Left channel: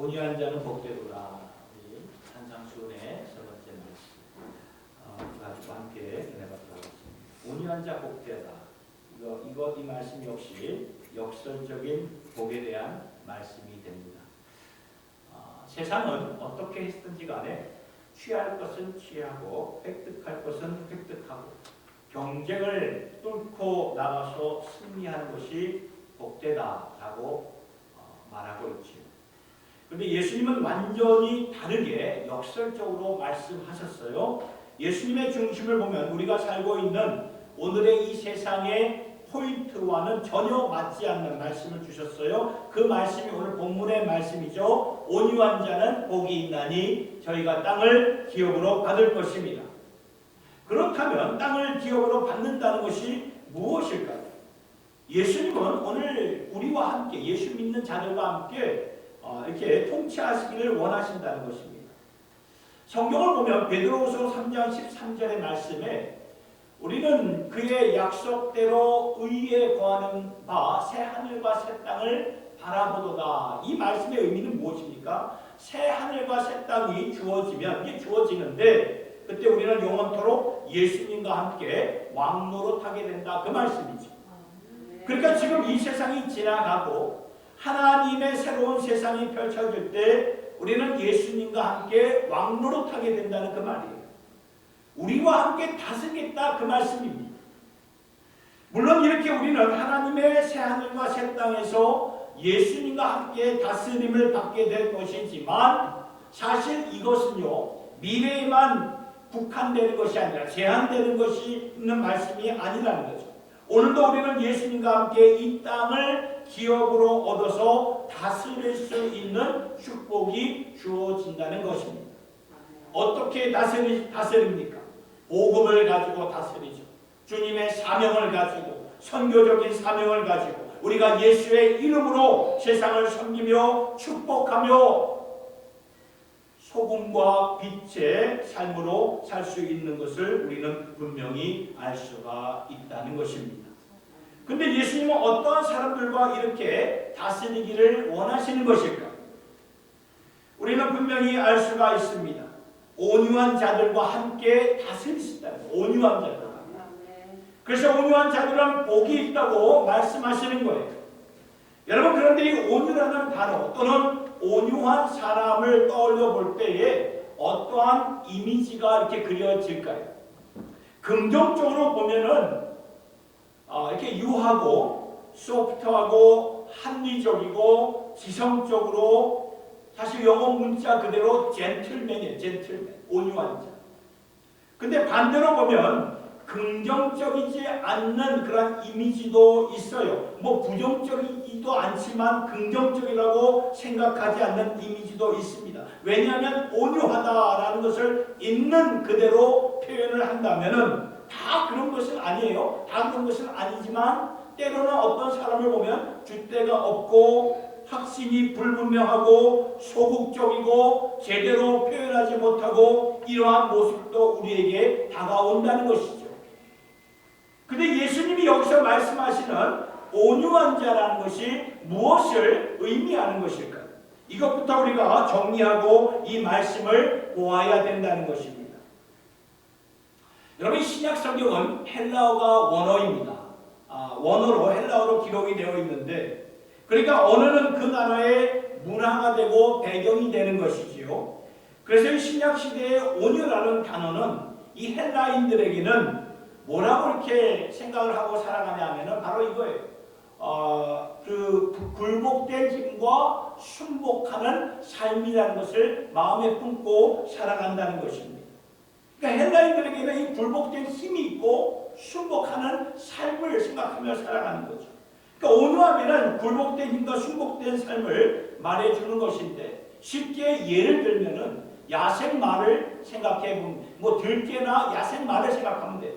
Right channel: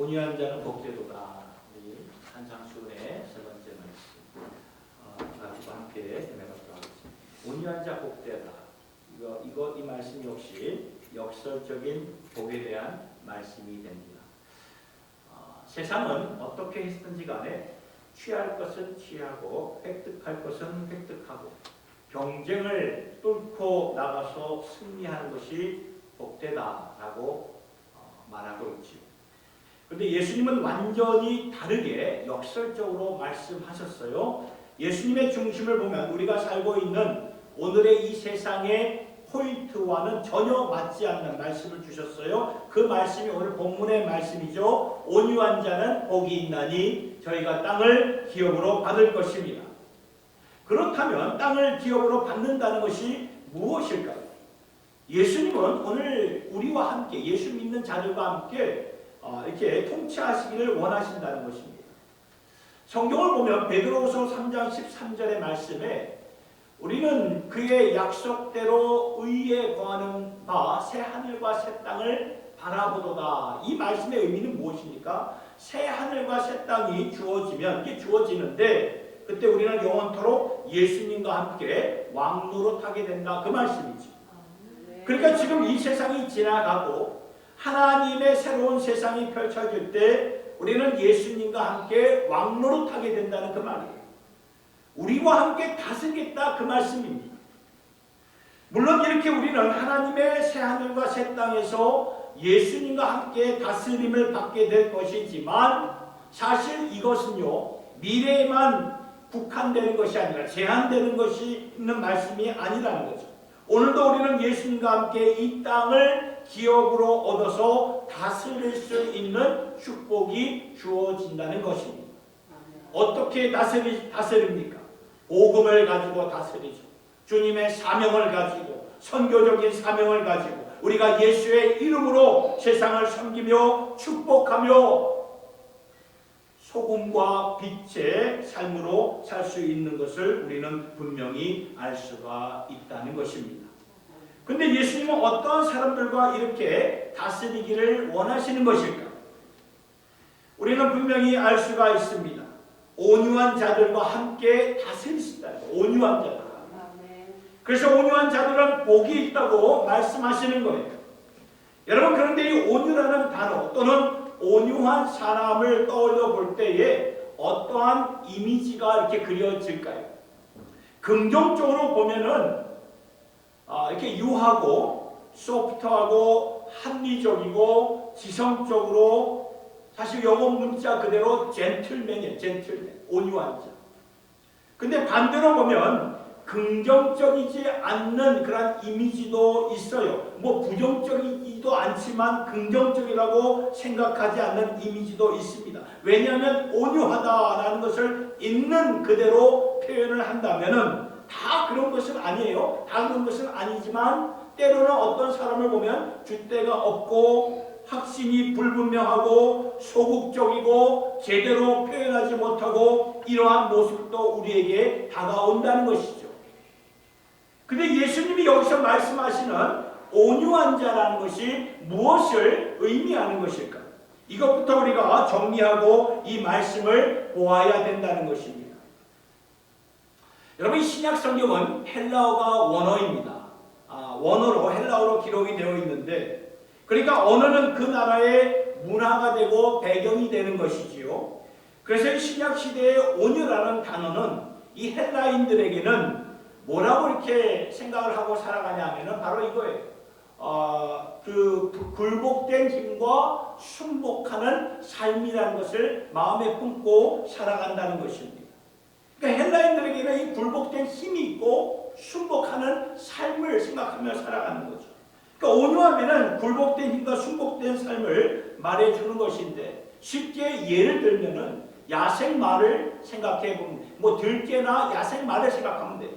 온유한 자는 복되도다. 우리 산상수훈의 세 번째 말씀 가지고 함께 해보도록 하겠습니다. 온유한 자 복되다. 이 말씀 역시 역설적인 복에 대한 말씀이 됩니다. 세상은 어떻게 했든지 간에 취할 것은 취하고 획득할 것은 획득하고 경쟁을 뚫고 나가서 승리하는 것이 복되다라고 말하고 있지요. 그런데 예수님은 완전히 다르게 역설적으로 말씀하셨어요. 예수님의 중심을 보면 우리가 살고 있는 오늘의 이 세상의 포인트와는 전혀 맞지 않는 말씀을 주셨어요. 그 말씀이 오늘 본문의 말씀이죠. 온유한 자는 복이 있나니 저희가 땅을 기업으로 받을 것입니다. 그렇다면 땅을 기업으로 받는다는 것이 무엇일까요? 예수님은 오늘 우리와 함께 예수 믿는 자들과 함께 이렇게 통치하시기를 원하신다는 것입니다. 성경을 보면 베드로후서 3장 13절의 말씀에 우리는 그의 약속대로 의에 거하는 바 새 하늘과 새 땅을 바라보도다. 이 말씀의 의미는 무엇입니까? 새 하늘과 새 땅이 주어지면 이게 주어지는데 그때 우리는 영원토록 예수님과 함께 왕노릇하게 된다. 그 말씀이죠. 그러니까 지금 이 세상이 지나가고 하나님의 새로운 세상이 펼쳐질 때 우리는 예수님과 함께 왕노릇하게 된다는 그 말이에요. 우리와 함께 다스리겠다 그 말씀입니다. 물론 이렇게 우리는 하나님의 새하늘과 새 땅에서 예수님과 함께 다스림을 받게 될 것이지만 사실 이것은요 미래에만 국한되는 것이 아니라 제한되는 것이 있는 말씀이 아니라는 거죠. 오늘도 우리는 예수님과 함께 이 땅을 기업으로 얻어서 다스릴 수 있는 축복이 주어진다는 것입니다. 어떻게 다스립니까? 복음을 가지고 다스리죠. 주님의 사명을 가지고 선교적인 사명을 가지고 우리가 예수의 이름으로 세상을 섬기며 축복하며 소금과 빛의 삶으로 살 수 있는 것을 우리는 분명히 알 수가 있다는 것입니다. 근데 예수님은 어떠한 사람들과 이렇게 다스리기를 원하시는 것일까? 우리는 분명히 알 수가 있습니다. 온유한 자들과 함께 다스리신다는 거예요. 온유한 자들과. 그래서 온유한 자들은 복이 있다고 말씀하시는 거예요. 여러분 그런데 이 온유라는 단어 또는 온유한 사람을 떠올려 볼 때에 어떠한 이미지가 이렇게 그려질까요? 긍정적으로 보면은 이렇게 유하고 소프트하고 합리적이고 지성적으로 사실 영어 문자 그대로 젠틀맨이에요. 젠틀맨, 온유한 자. 근데 반대로 보면 긍정적이지 않는 그런 이미지도 있어요. 뭐 부정적이지도 않지만 긍정적이라고 생각하지 않는 이미지도 있습니다. 왜냐하면 온유하다라는 것을 있는 그대로 표현을 한다면은 다 그런 것은 아니에요. 다 그런 것은 아니지만 때로는 어떤 사람을 보면 줏대가 없고 확신이 불분명하고 소극적이고 제대로 표현하지 못하고 이러한 모습도 우리에게 다가온다는 것이죠. 근데 예수님이 여기서 말씀하시는 온유한 자라는 것이 무엇을 의미하는 것일까요? 이것부터 우리가 정리하고 이 말씀을 보아야 된다는 것입니다. 여러분 신약 성경은 헬라어가 원어입니다. 원어로 헬라어로 기록이 되어 있는데 그러니까 언어는 그 나라의 문화가 되고 배경이 되는 것이지요. 그래서 이 신약 시대의 온유라는 단어는 이 헬라인들에게는 뭐라고 이렇게 생각을 하고 살아가냐 하면은 바로 이거예요. 그 굴복된 힘과 순복하는 삶이라는 것을 마음에 품고 살아간다는 것입니다. 그러니까 헬라인들에게는 이 굴복된 힘이 있고 순복하는 삶을 생각하며 살아가는 거죠. 그러니까 온유하면은 굴복된 힘과 순복된 삶을 말해주는 것인데 쉽게 예를 들면은 야생마를 생각해 보면 뭐 들깨나 야생마를 생각하면 돼요.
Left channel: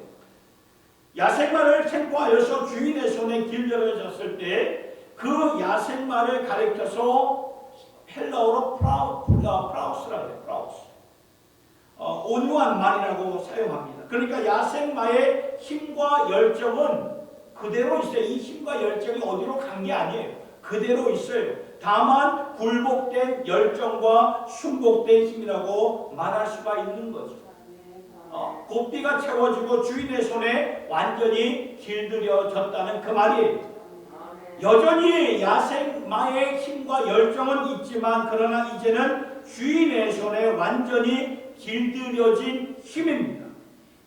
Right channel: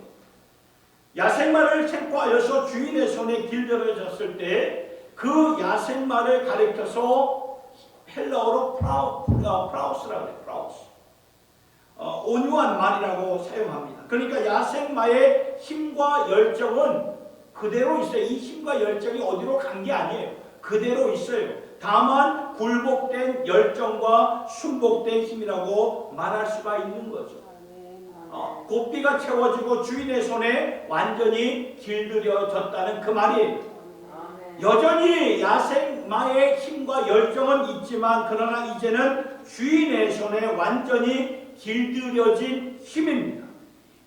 야생마를 생포하여서 주인의 손에 길들여졌을 때 그 야생마를 가리켜서 헬라어로 프라우스라고 해요. 프라우스. 온유한 말이라고 사용합니다. 그러니까 야생마의 힘과 열정은 그대로 있어요. 이 힘과 열정이 어디로 간 게 아니에요. 그대로 있어요. 다만 굴복된 열정과 순복된 힘이라고 말할 수가 있는 거죠. 고삐가 채워지고 주인의 손에 완전히 길들여졌다는 그 말이에요. 여전히 야생마의 힘과 열정은 있지만 그러나 이제는 주인의 손에 완전히 길들여진 힘입니다.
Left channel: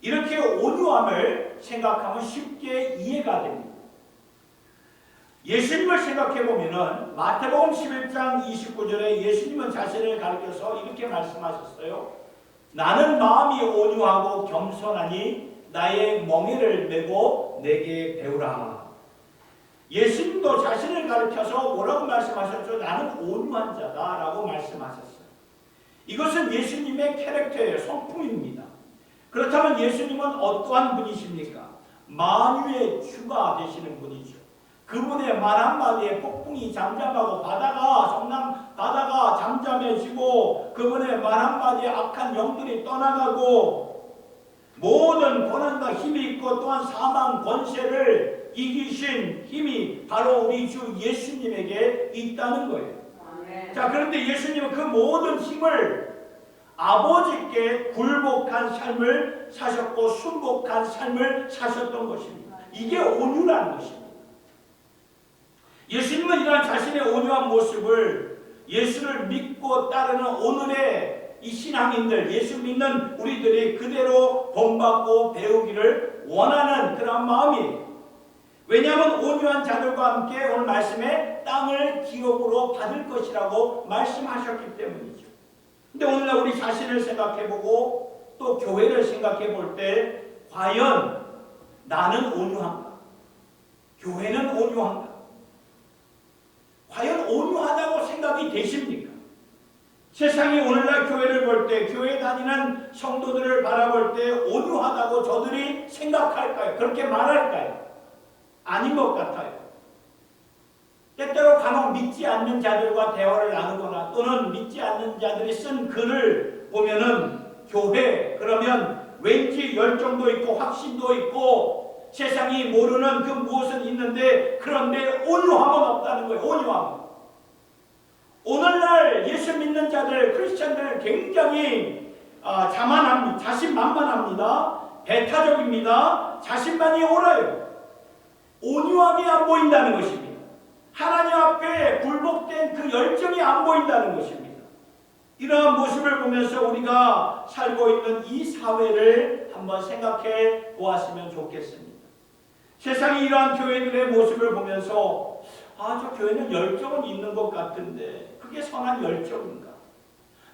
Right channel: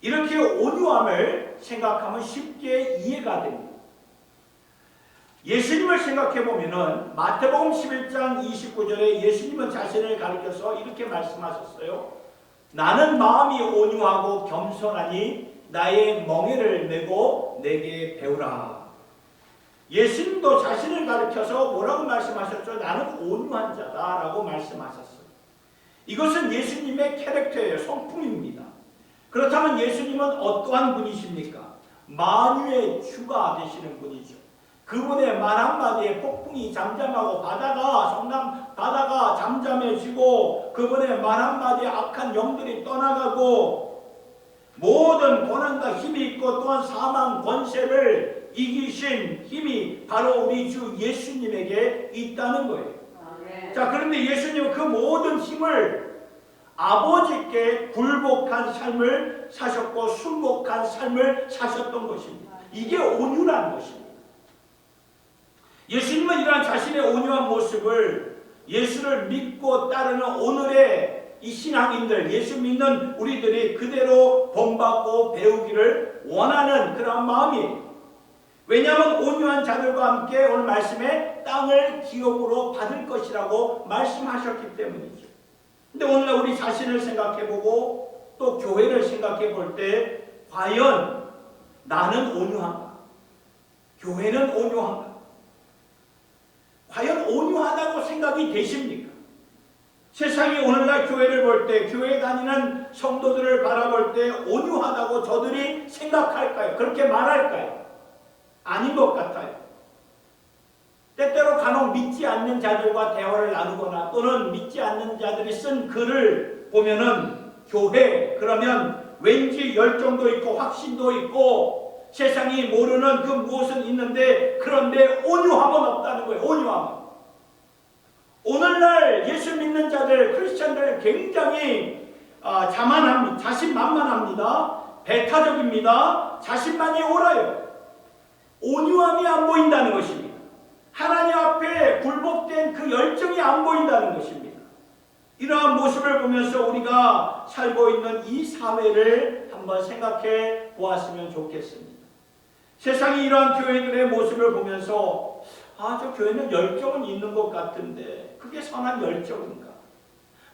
이렇게 온유함을 생각하면 쉽게 이해가 됩니다. 예수님을 생각해 보면은 마태복음 11장 29절에 예수님은 자신을 가리켜서 이렇게 말씀하셨어요. 나는 마음이 온유하고 겸손하니 나의 멍에를 메고 내게 배우라. 예수님도 자신을 가리켜서 뭐라고 말씀하셨죠? 나는 온유한 자다라고 말씀하셨어요. 이것은 예수님의 캐릭터예요. 성품입니다. 그렇다면 예수님은 어떠한 분이십니까? 만유의 주가 되시는 분이죠. 그분의 말 한마디에 폭풍이 잠잠하고 바다가 잠잠해지고 그분의 말 한마디에 악한 영들이 떠나가고 모든 권한과 힘이 있고 또한 사망 권세를 이기신 힘이 바로 우리 주 예수님에게 있다는 거예요. 자, 그런데 예수님은 그 모든 힘을 아버지께 굴복한 삶을 사셨고 순복한 삶을 사셨던 것입니다. 이게 온유라는 것입니다. 예수님은 이러한 자신의 온유한 모습을 예수를 믿고 따르는 오늘의 이 신앙인들, 예수 믿는 우리들이 그대로 본받고 배우기를 원하는 그런 마음이에요. 왜냐하면 온유한 자들과 함께 오늘 말씀에 땅을 기업으로 받을 것이라고 말씀하셨기 때문이죠. 근데 오늘날 우리 자신을 생각해보고 또 교회를 생각해볼 때 과연 나는 온유한가? 교회는 온유한가? 과연 온유하다고 생각이 되십니까? 세상이 오늘날 교회를 볼 때, 교회에 다니는 성도들을 바라볼 때 온유하다고 저들이 생각할까요? 그렇게 말할까요? 아닌 것 같아요. 때때로 간혹 믿지 않는 자들과 대화를 나누거나 또는 믿지 않는 자들이 쓴 글을 보면은 교회 그러면 왠지 열정도 있고 확신도 있고 세상이 모르는 그 무엇은 있는데 그런데 온유함은 없다는 거예요. 온유함. 오늘날 예수 믿는 자들 크리스찬들 굉장히 자만합니다. 자신만만합니다. 배타적입니다. 자신만이 옳아요. 온유함이 안 보인다는 것입니다. 하나님 앞에 굴복된 그 열정이 안 보인다는 것입니다. 이러한 모습을 보면서 우리가 살고 있는 이 사회를 한번 생각해 보았으면 좋겠습니다. 세상이 이러한 교회들의 모습을 보면서 저 교회는 열정은 있는 것 같은데 그게 선한 열정인가?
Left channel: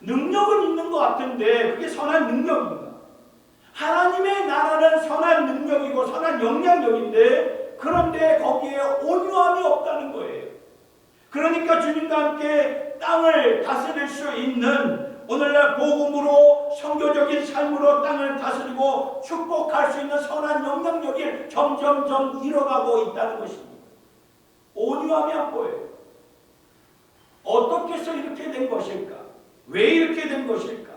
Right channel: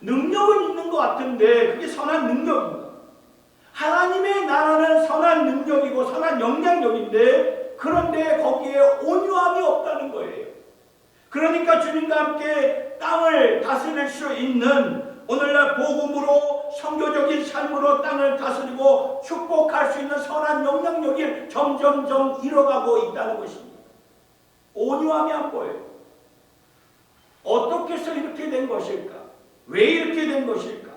능력은 있는 것 같은데 그게 선한 능력인가? 하나님의 나라는 선한 능력이고 선한 영향력인데 그런데 거기에 온유함이 없다는 거예요. 그러니까 주님과 함께 땅을 다스릴 수 있는 오늘날 복음으로 선교적인 삶으로 땅을 다스리고 축복할 수 있는 선한 영향력이 점점점 잃어가고 있다는 것입니다. 온유함이 안 보여요. 어떻게 해서 이렇게 된 것일까? 왜 이렇게 된 것일까?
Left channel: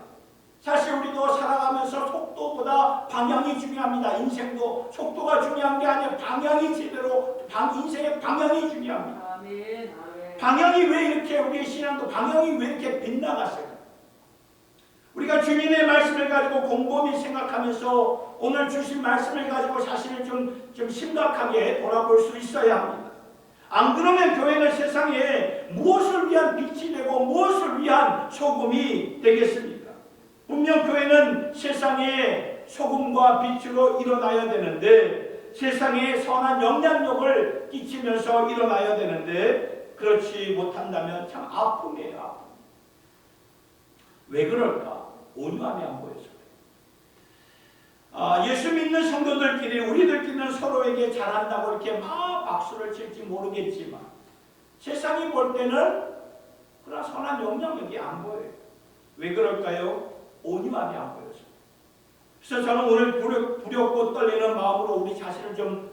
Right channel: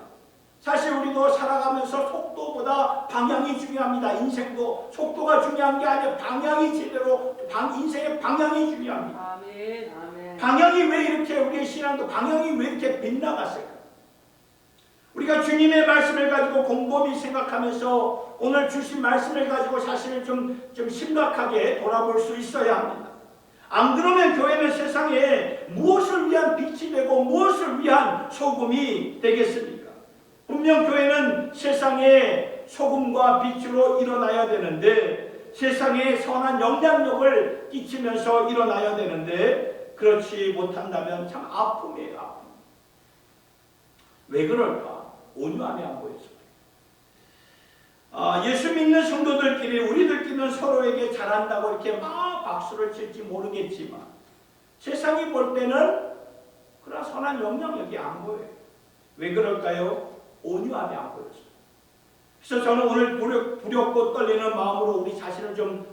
사실 우리도 살아가면서 속도보다 방향이 중요합니다. 인생도 속도가 중요한 게 아니라 방향이 제대로 인생의 방향이 중요합니다. 아멘, 아멘. 방향이 왜 이렇게 우리의 신앙도 방향이 왜 이렇게 빗나갔을까? 우리가 주님의 말씀을 가지고 곰곰이 생각하면서 오늘 주신 말씀을 가지고 자신을 좀 심각하게 돌아볼 수 있어야 합니다. 안 그러면 교회는 세상에 무엇을 위한 빛이 되고 무엇을 위한 소금이 되겠습니까? 분명 교회는 세상의 소금과 빛으로 일어나야 되는데 세상에 선한 영향력을 끼치면서 일어나야 되는데 그렇지 못한다면 참 아픔이에요. 아픔. 왜 그럴까? 온유함이 안 보여서. 예수 믿는 성도들끼리 우리들끼리는 서로에게 잘한다고 이렇게 막 박수를 칠지 모르겠지만 세상이 볼 때는 그런 선한 영향력이 안 보여요. 왜 그럴까요? 온유함이 안 보여서. 그래서 저는 오늘 두렵고 떨리는 마음으로 우리 자신을 좀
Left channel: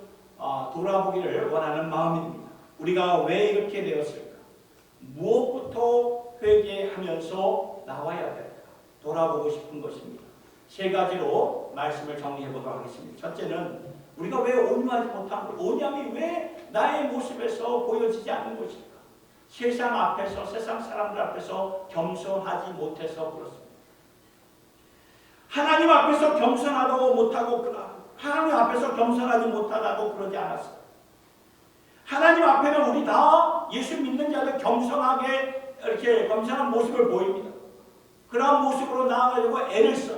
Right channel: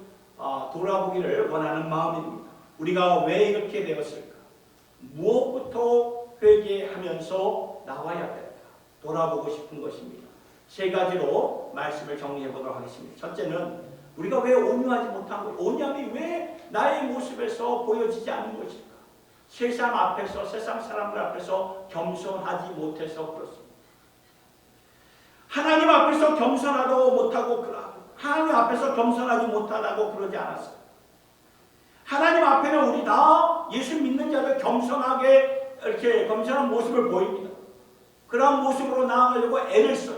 돌아보기를 원하는 마음입니다. 우리가 왜 이렇게 되었을까? 무엇부터 회개하면서 나와야 될까? 돌아보고 싶은 것입니다. 세 가지로 말씀을 정리해 보도록 하겠습니다. 첫째는 우리가 왜 온유하지 못한 것, 온유함이 왜 나의 모습에서 보여지지 않는 것일까? 세상 앞에서, 세상 사람들 앞에서 겸손하지 못해서 그렇습니다. 하나님 앞에서 겸손하다고 못하고 하나님 앞에서 겸손하지 못하다고 그러지 않았어요. 하나님 앞에는 우리 다 예수 믿는 자들 겸손하게 이렇게 겸손한 모습을 보입니다. 그런 모습으로 나아가려고 애를 써요.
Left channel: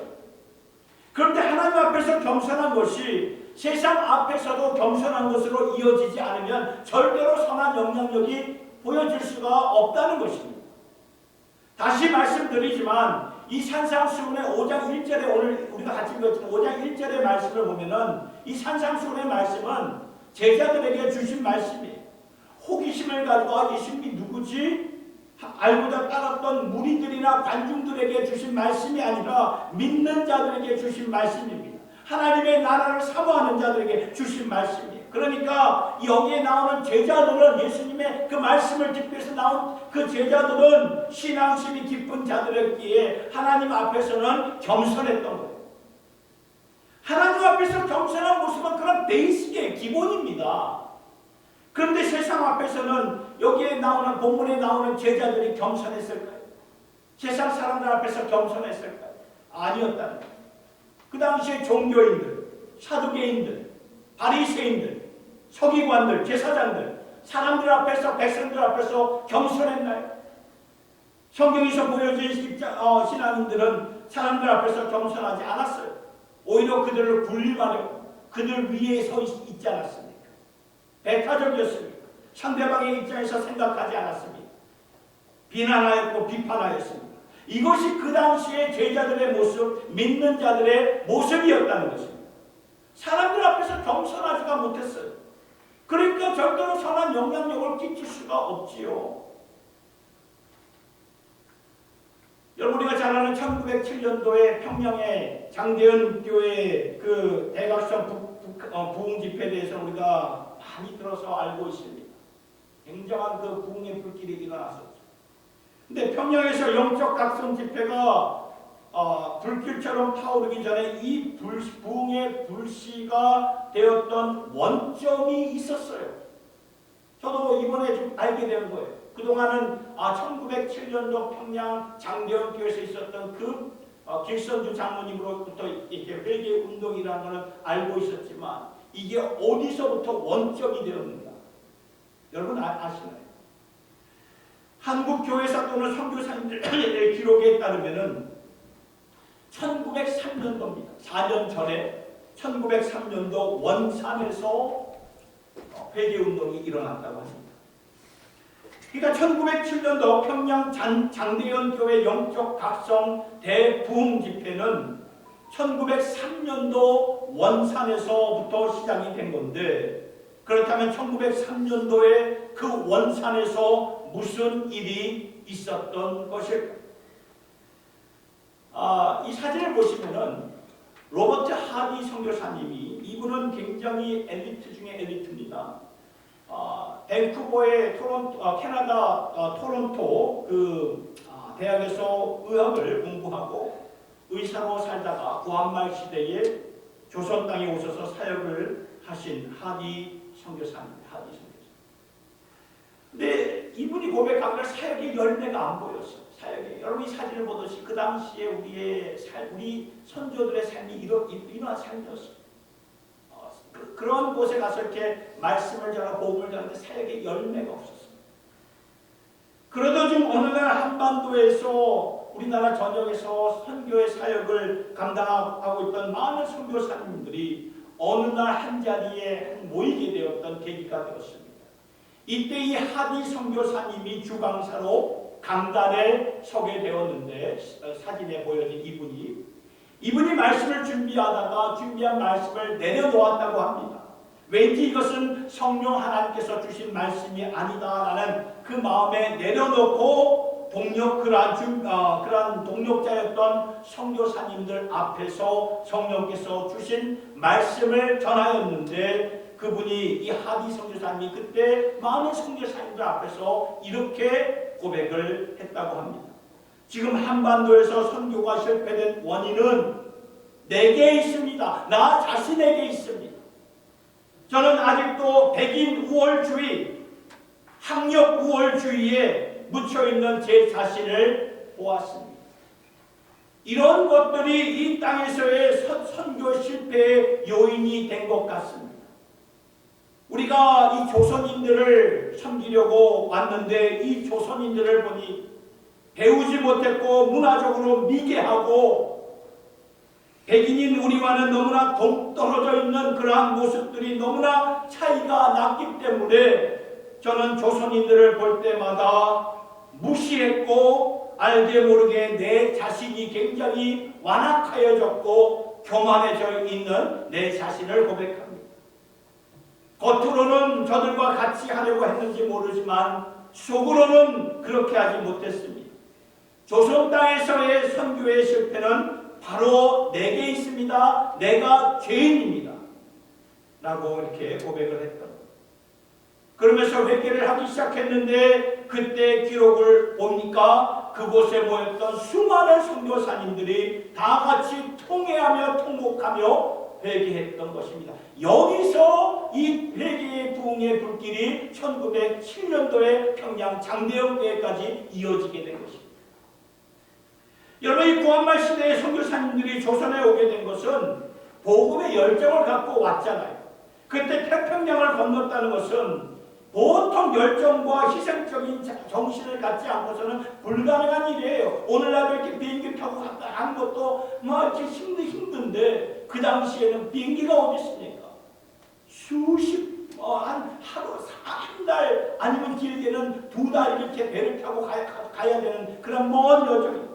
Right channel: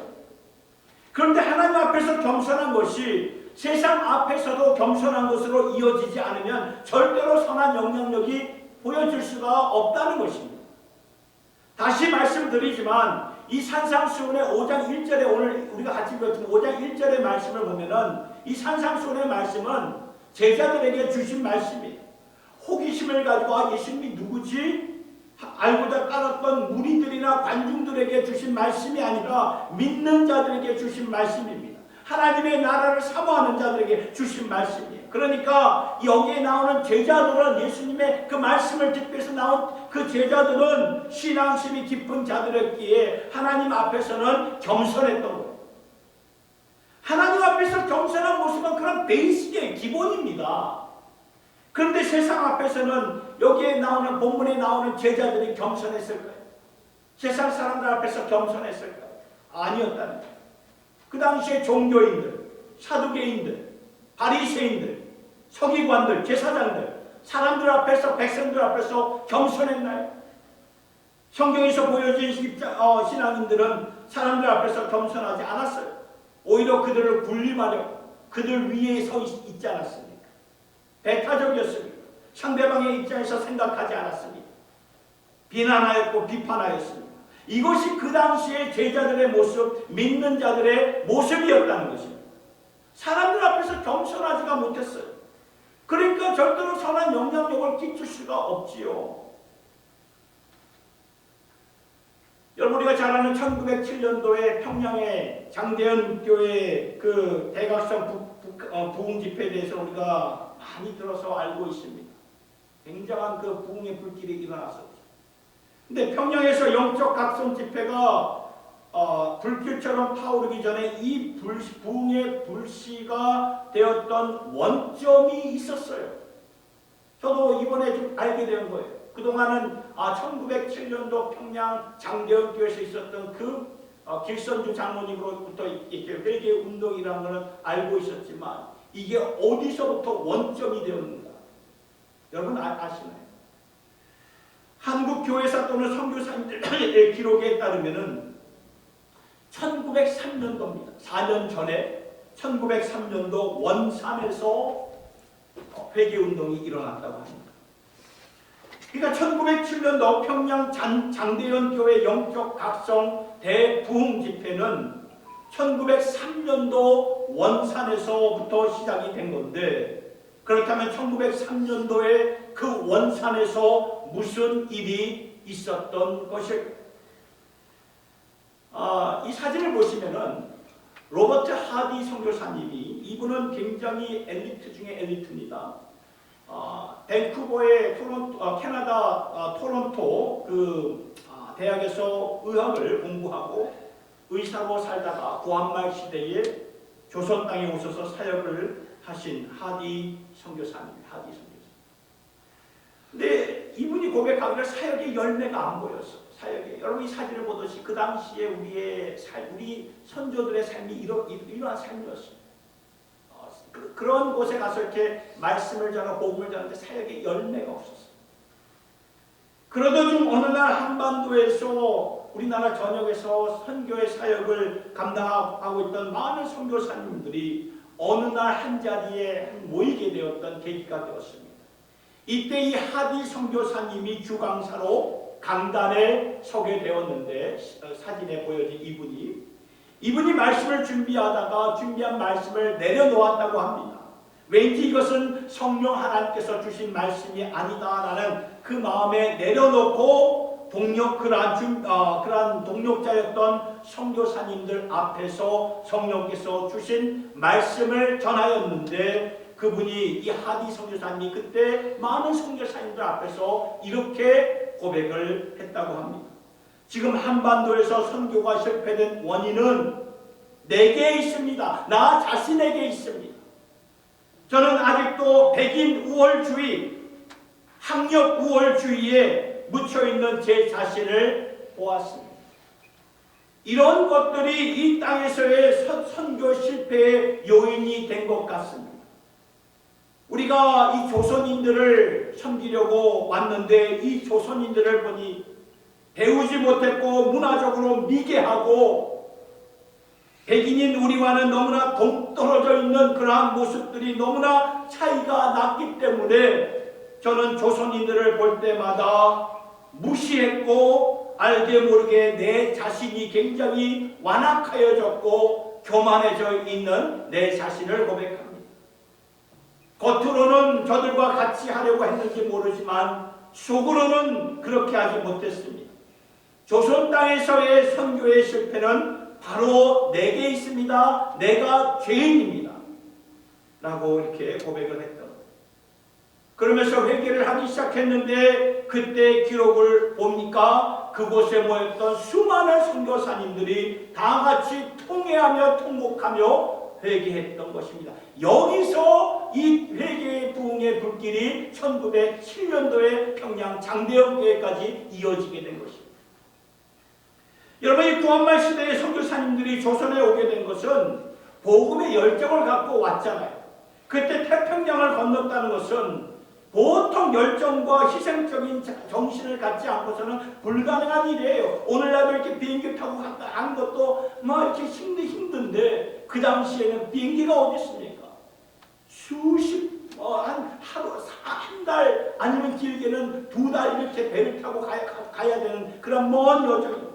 그런데 하나님 앞에서 겸손한 것이 세상 앞에서도 겸손한 것으로 이어지지 않으면 절대로 선한 영향력이 보여질 수가 없다는 것입니다. 다시 말씀드리지만 이 산상수훈의 5장 1절에 오늘 우리가 같이 읽었지만 5장 1절의 말씀을 보면은 이 산상수훈의 말씀은 제자들에게 주신 말씀이에요. 호기심을 가지고 예수님이 누구지? 알고자 따랐던 무리들이나 관중들에게 주신 말씀이 아니라 믿는 자들에게 주신 말씀입니다. 하나님의 나라를 사모하는 자들에게 주신 말씀이에요. 그러니까 여기에 나오는 제자들은 예수님의 그 말씀을 듣기 위해서 나온 그 제자들은 신앙심이 깊은 자들이었기에 하나님 앞에서는 겸손했던 거예요. 하나님 앞에서 겸손한 모습은 그런 베이스의 기본입니다. 그런데 세상 앞에서는 여기에 나오는 본문에 나오는 제자들이 겸손했을까요? 세상 사람들 앞에서 겸손했을까요? 아니었다는 거예요. 그 당시에 종교인들, 사두개인들, 바리새인들, 서기관들, 제사장들, 사람들 앞에서, 백성들 앞에서 겸손했나요? 성경에서 보여진 신앙인들은 사람들 앞에서 겸손하지 않았어요. 오히려 그들을 군림하려고 그들 위에 서 있지 않았습니까? 배타적이었습니다. 상대방의 입장에서 생각하지 않았습니다. 비난하였고 비판하였습니다. 이것이 그 당시의 제자들의 모습, 믿는 자들의 모습이었다는 것입니다. 사람들 앞에서 겸손하지가 못했어요. 그러니까 절대로 선한 영향력을 끼칠 수가 없지요. 여러분 우리가 잘 아는 1907년도에 평양의 장대현 교회의 그 대각선 부흥 집회에 대해서 우리가 많이 들어서 알고 있습니다. 굉장한 그 부흥의 불길이 일어났었죠. 근데 평양에서 영적 각성 집회가 불길처럼 타오르기 전에 이 부흥의 불씨가 되었던 원점이 있었어요. 저도 이번에 좀 알게 된 거예요. 그동안은 1907년도 평양 장대현 교회에서 있었던 그 길선주 장로님으로부터 이렇게 회개 운동이라는 것을 알고 있었지만 이게 어디서부터 원점이 되었는가? 여러분 아시나요? 한국 교회사 또는 선교사님들의 기록에 따르면은 1903년도입니다. 4년 전에 1903년도 원산에서 회개운동이 일어났다고 합니다. 그러니까 1907년도 평양 장대현 교회 영적 각성 대부흥 집회는 1903년도 원산에서부터 시작이 된 건데 그렇다면 1903년도에 그 원산에서 무슨 일이 있었던 것일까요? 이 사진을 보시면은 로버트 하디 선교사님이 이분은 굉장히 엘리트 중에 엘리트입니다. 밴쿠버의 캐나다 토론토 그 대학에서 의학을 공부하고 의사로 살다가 구한말 시대에 조선 땅에 오셔서 사역을 하신 하디 선교사입니다. 하디 선교사. 근데 이분이 고백하기를 사역의 열매가 안 보였어. 사역에 여러분 이 사진을 보듯이 그 당시에 우리 선조들의 삶이 이러한 삶이었어요. 그런 곳에 가서 이렇게 말씀을 전하고 복음을 전하는데 사역의 열매가 없었어요. 그러던 중 어느 날 한반도에서 우리나라 전역에서 선교의 사역을 감당하고 있던 많은 선교사님들이 어느 날 한 자리에 모이게 되었던 계기가 되었습니다. 이때 이 하디 선교사님이 주강사로 강단에 서게 되었는데 사진에 보여진 이분이 말씀을 준비하다가 준비한 말씀을 내려놓았다고 합니다. 왠지 이것은 성령 하나님께서 주신 말씀이 아니다라는 그 마음에 내려놓고 그러한 동력자였던 선교사님들 앞에서 성령께서 주신 말씀을 전하였는데 그분이 이 하디 선교사님이 그때 많은 선교사님들 앞에서 이렇게 고백을 했다고 합니다. 지금 한반도에서 선교가 실패된 원인은 내게 있습니다. 나 자신에게 있습니다. 저는 아직도 백인 우월주의, 학력 우월주의에 묻혀있는 제 자신을 보았습니다. 이런 것들이 이 땅에서의 선교 실패의 요인이 된 것 같습니다. 우리가 이 조선인들을 섬기려고 왔는데 이 조선인들을 보니 배우지 못했고 문화적으로 미개하고 백인인 우리와는 너무나 동떨어져 있는 그러한 모습들이 너무나 차이가 났기 때문에 저는 조선인들을 볼 때마다 무시했고 알게 모르게 내 자신이 굉장히 완악하여졌고 교만해져 있는 내 자신을 고백합니다. 겉으로는 저들과 같이 하려고 했는지 모르지만 속으로는 그렇게 하지 못했습니다. 조선 땅에서의 선교의 실패는 바로 내게 있습니다. 내가 죄인입니다. 라고 이렇게 고백을 했던 거예요. 그러면서 회개를 하기 시작했는데 그때 기록을 보니까 그곳에 모였던 수많은 선교사님들이 다 같이 통회하며 통곡하며 회개했던 것입니다. 여기서 이 회개의 부흥의 불길이 1907년도에 평양 장대영교회까지 이어지게 된 것입니다. 여러분, 이 구한말 시대의 선교사님들이 조선에 오게 된 것은 복음의 열정을 갖고 왔잖아요. 그때 태평양을 건넜다는 것은 보통 열정과 희생적인 정신을 갖지 않고서는 불가능한 일이에요. 오늘날도 이렇게 비행기 타고 갔다 하는 것도 이렇게 힘든데 그 당시에는 비행기가 어디 있습니까? 하루, 한 달 아니면 길게는 2달 이렇게 배를 타고 가야 되는 그런 먼 여정입니다.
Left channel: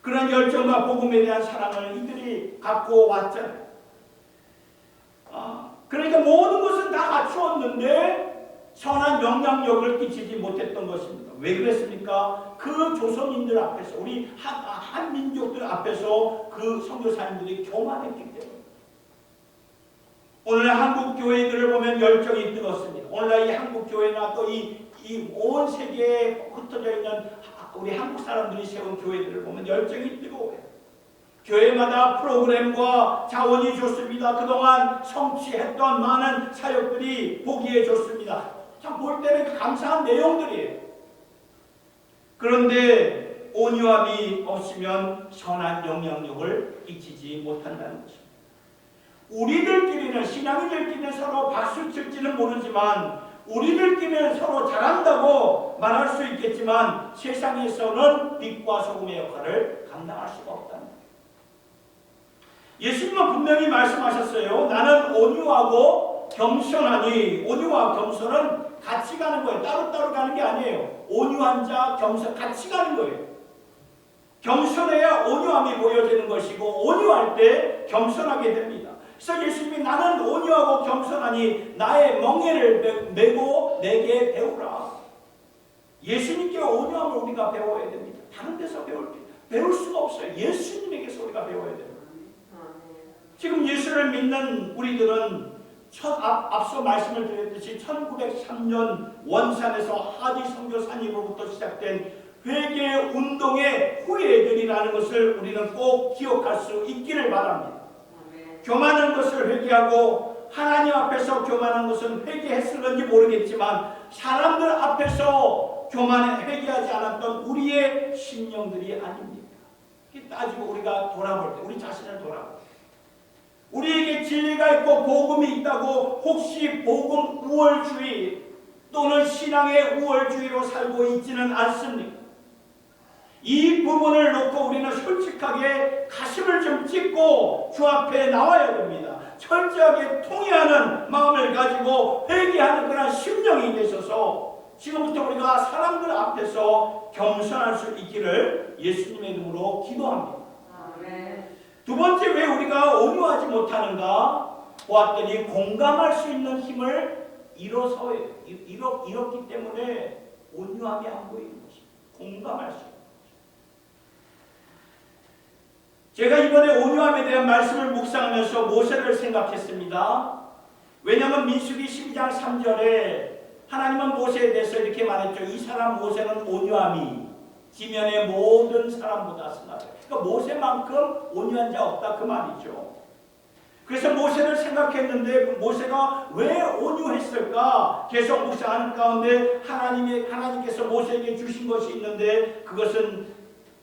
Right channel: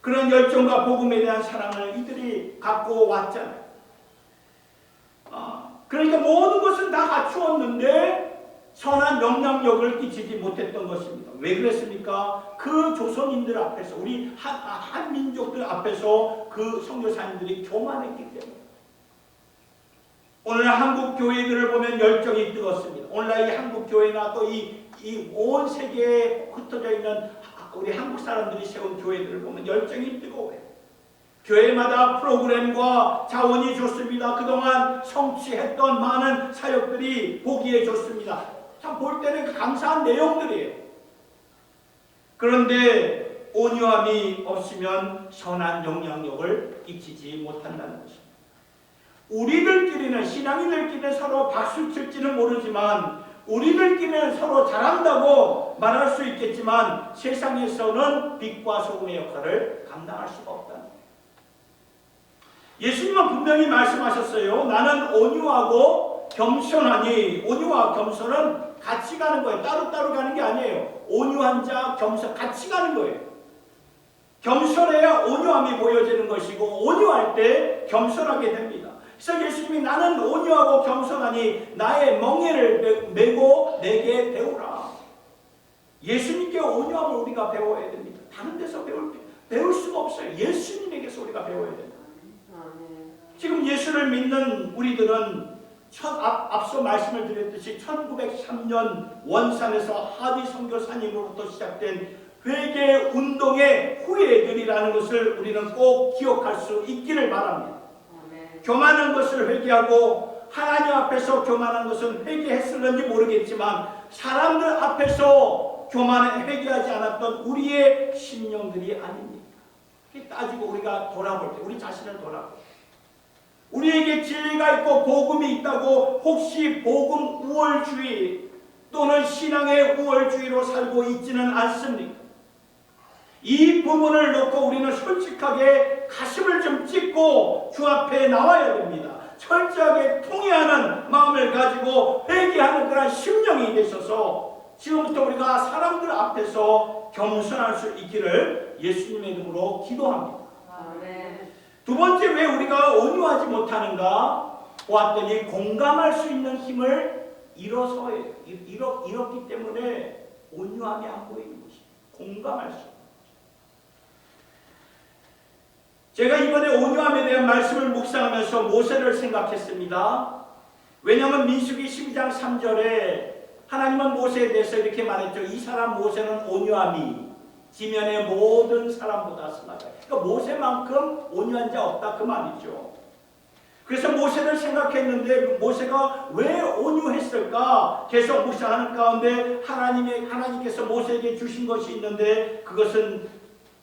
그런 열정과 복음에 대한 사랑을 이들이 갖고 왔잖아요. 그러니까 모든 것은 다 갖추었는데 선한 영향력을 끼치지 못했던 것입니다. 왜 그랬습니까? 그 조선인들 앞에서, 우리 한민족들 앞에서 그 선교사님들이 교만했기 때문에. 오늘 한국 교회들을 보면 열정이 뜨겁습니다. 오늘날 이 한국 교회나 또 이 온 세계에 흩어져 있는 우리 한국 사람들이 세운 교회들을 보면 열정이 뜨거워요. 교회마다 프로그램과 자원이 좋습니다. 그동안 성취했던 많은 사역들이 보기에 좋습니다. 참 볼 때는 감사한 내용들이에요. 그런데 온유함이 없으면 선한 영향력을 끼치지 못한다는 것입니다. 우리들끼리는, 신앙인들끼리는 서로 박수 칠지는 모르지만 우리들끼리는 서로 잘한다고 말할 수 있겠지만 세상에서는 빛과 소금의 역할을 감당할 수가 없다는 거예요. 예수님은 분명히 말씀하셨어요. 나는 온유하고 겸손하니. 온유와 겸손은 같이 가는 거예요. 따로따로 가는 게 아니에요. 온유한 자, 겸손, 같이 가는 거예요. 겸손해야 온유함이 보여지는 것이고 온유할 때 겸손하게 됩니다. 그래서 예수님이 나는 온유하고 겸손하니 나의 멍에를 메고 내게 배우라. 예수님께 온유함을 우리가 배워야 됩니다. 다른 데서 배울 수가 없어요. 예수님에게서 우리가 배워야 됩니다. 지금 예수를 믿는 우리들은 앞서 말씀을 드렸듯이 1903년 원산에서 하디 선교사님으로부터 시작된 회개 운동의 후예들이라는 것을 우리는 꼭 기억할 수 있기를 바랍니다. 교만한 것을 회개하고 하나님 앞에서 교만한 것은 회개했을는지 모르겠지만 사람들 앞에서 회개하지 않았던 우리의 심령들이 아닙니까? 따지고 우리가 돌아볼 때 우리 자신을 돌아볼 때 우리에게 진리가 있고 복음이 있다고 혹시 복음 우월주의 또는 신앙의 우월주의로 살고 있지는 않습니까? 이 부분을 놓고 우리는 솔직하게 가슴을 좀 찢고 주 앞에 나와야 됩니다. 철저하게 통회하는 마음을 가지고 회개하는 그런 심령이 되셔서 지금부터 우리가 사람들 앞에서 겸손할 수 있기를 예수님의 이름으로 기도합니다. 두 번째, 왜 우리가 온유하지 못하는가 보았더니 공감할 수 있는 힘을 잃었기 때문에 온유함이 안 보이는 것입니다. 공감할 수 있는. 제가 이번에 온유함에 대한 말씀을 묵상하면서 모세를 생각했습니다. 왜냐하면 민수기 12장 3절에 하나님은 모세에 대해서 이렇게 말했죠. 이 사람 모세는 온유함이 지면의 모든 사람보다 승하다. 그러니까 모세만큼 온유한 자 없다 그 말이죠. 그래서 모세를 생각했는데 그 모세가 왜 온유했을까? 계속 묵상하는 가운데 하나님께서 모세에게 주신 것이 있는데 그것은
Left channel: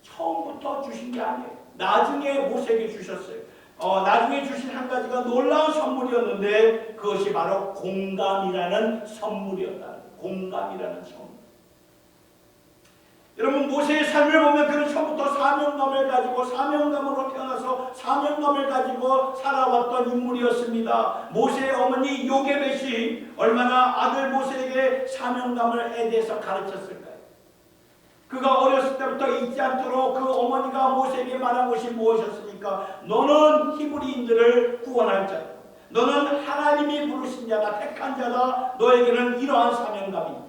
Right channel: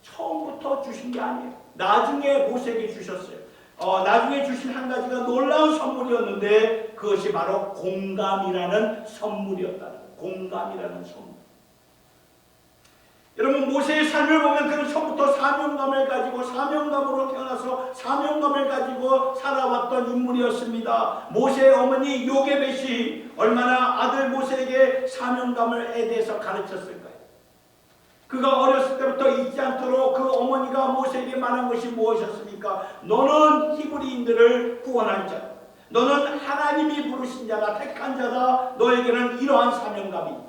처음부터 주신 게 아니에요. 나중에 모세에게 주셨어요. 나중에 주신 한 가지가 놀라운 선물이었는데 그것이 바로 공감이라는 선물이었다. 공감이라는 선물. 여러분 모세의 삶을 보면 그는 처음부터 사명감을 가지고 사명감으로 태어나서 사명감을 가지고 살아왔던 인물이었습니다. 모세의 어머니 요게벳이 얼마나 아들 모세에게 사명감에 대해서 가르쳤을까요? 그가 어렸을 때부터 잊지 않도록 그 어머니가 모세에게 말한 것이 무엇이었습니까? 너는 히브리인들을 구원할 자다. 너는 하나님이 부르신 자다. 택한 자다. 너에게는 이러한 사명감이 있다.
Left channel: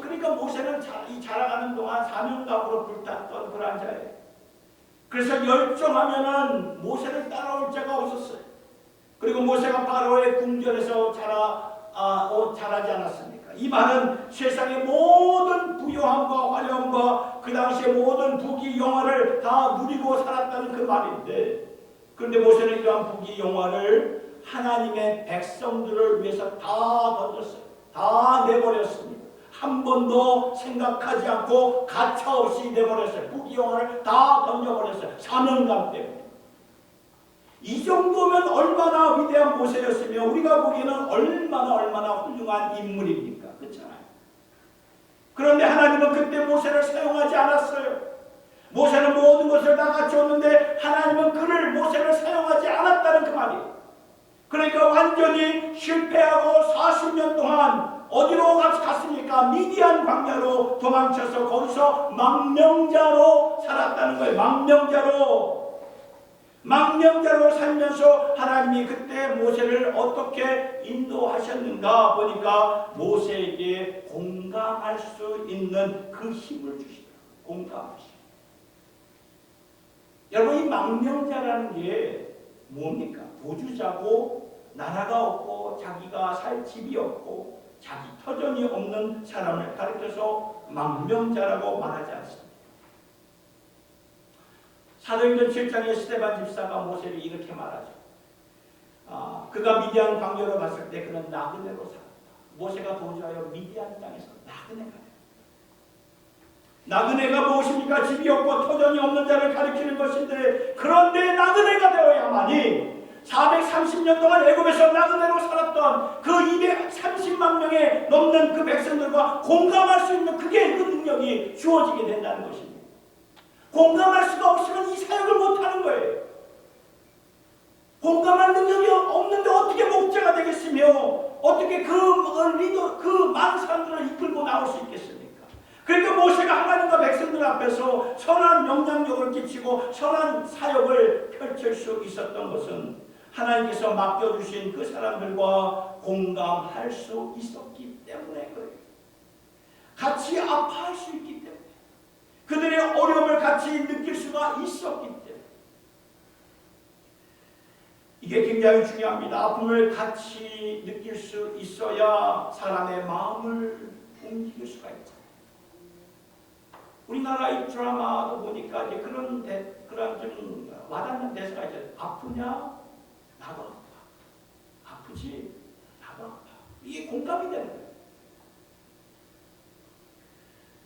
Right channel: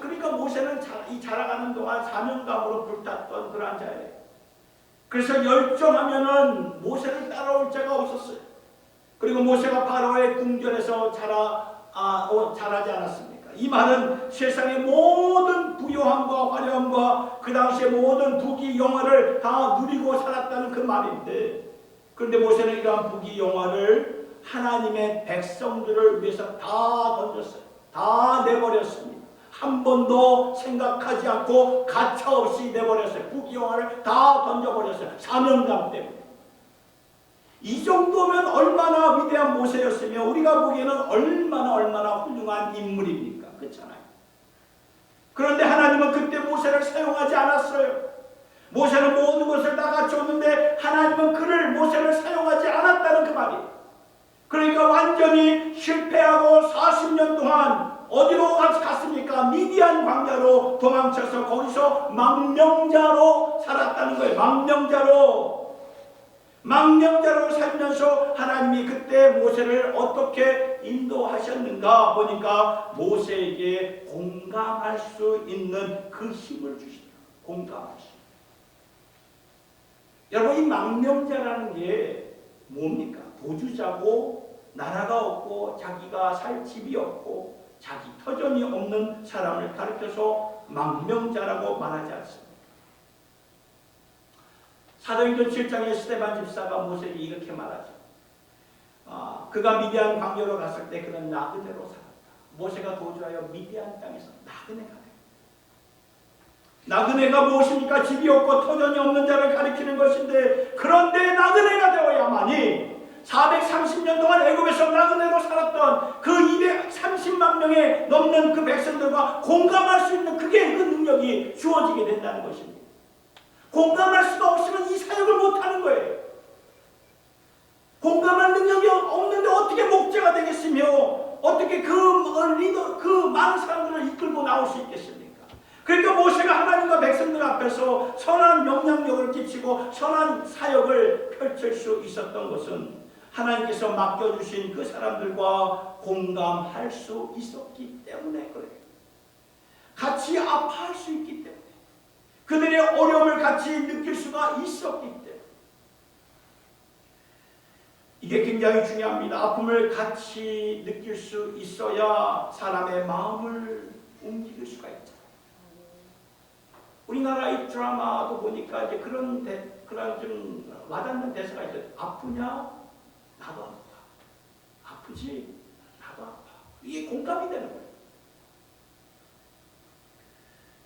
그러니까 모세는 자라가는 동안 사명감으로 불탔던 그러한 자예요. 그래서 열정하면은 모세를 따라올 자가 없었어요. 그리고 모세가 바로의 궁전에서 자라지 않았습니까? 이 말은 세상의 모든 부요함과 화려함과 그 당시의 모든 부귀 영화를 다 누리고 살았다는 그 말인데, 그런데 모세는 이러한 부귀 영화를 하나님의 백성들을 위해서 다 던졌어요. 다 내버렸습니다. 한 번도 생각하지 않고 가차없이 내버렸어요. 부귀영화를 다 던져버렸어요. 사명감 때문에. 이 정도면 얼마나 위대한 모세였으며 우리가 보기에는 얼마나 훌륭한 인물입니까? 그렇잖아요. 그런데 하나님은 그때 모세를 사용하지 않았어요. 모세는 모든 것을 다 갖췄는데 하나님은 모세를 사용하지 않았다는 그 말이에요. 그러니까 완전히 실패하고 40년 동안 어디로 갔습니까? 미디안 광야로 도망쳐서 거기서 망명자로 살았다는 거예요. 망명자로 살면서 하나님이 그때 모세를 어떻게 인도하셨는가 보니까 모세에게 공감할 수 있는 그 힘을 주시더라고요. 공감할 수. 여러분 이 망명자라는 게 뭡니까? 부주자고 나라가 없고 자기가 살 집이 없고 자기 터전이 없는 사람을 가르쳐서 망명자라고 말하지 않습니다. 사도행전 7장에 스데반 집사가 모세에게 이렇게 말하죠. 그가 미디안 광야로 갔을 때 그는 나그네로 살았다. 모세가 도주하여 미디안 땅에서 나그네가 되었다. 나그네가 무엇입니까? 집이 없고 터전이 없는 자를 가리키는 것인데, 그런데 나그네가 되어야만이 430년 동안 애굽에서 나그네로 살았던 그 230만 명에 넘는 그 백성들과 공감할 수 있는 그 능력이 주어지게 된다는 것입니다. 공감할 수가 없으면 이 사역을 못하는 거예요. 공감할 능력이 없는데 어떻게 목자가 되겠으며 어떻게 그 많은 사람들을 이끌고 나올 수 있겠습니까? 그러니까 모세가 하나님과 백성들 앞에서 선한 영향력을 끼치고 선한 사역을 펼칠 수 있었던 것은 하나님께서 맡겨주신 그 사람들과 공감할 수 있었기 때문에 그래요. 같이 아파할 수 있기 때문에, 그들의 어려움을 같이 느낄 수가 있었기 때문에. 이게 굉장히 중요합니다. 아픔을 같이 느낄 수 있어야 사람의 마음을 움직일 수가 있죠. 우리나라의 드라마도 보니까 이제 그런 좀 와닿는 대사가 있죠. 아프냐? 나도 아파. 아프지? 나도 아파. 이게 공감이 되는 거예요.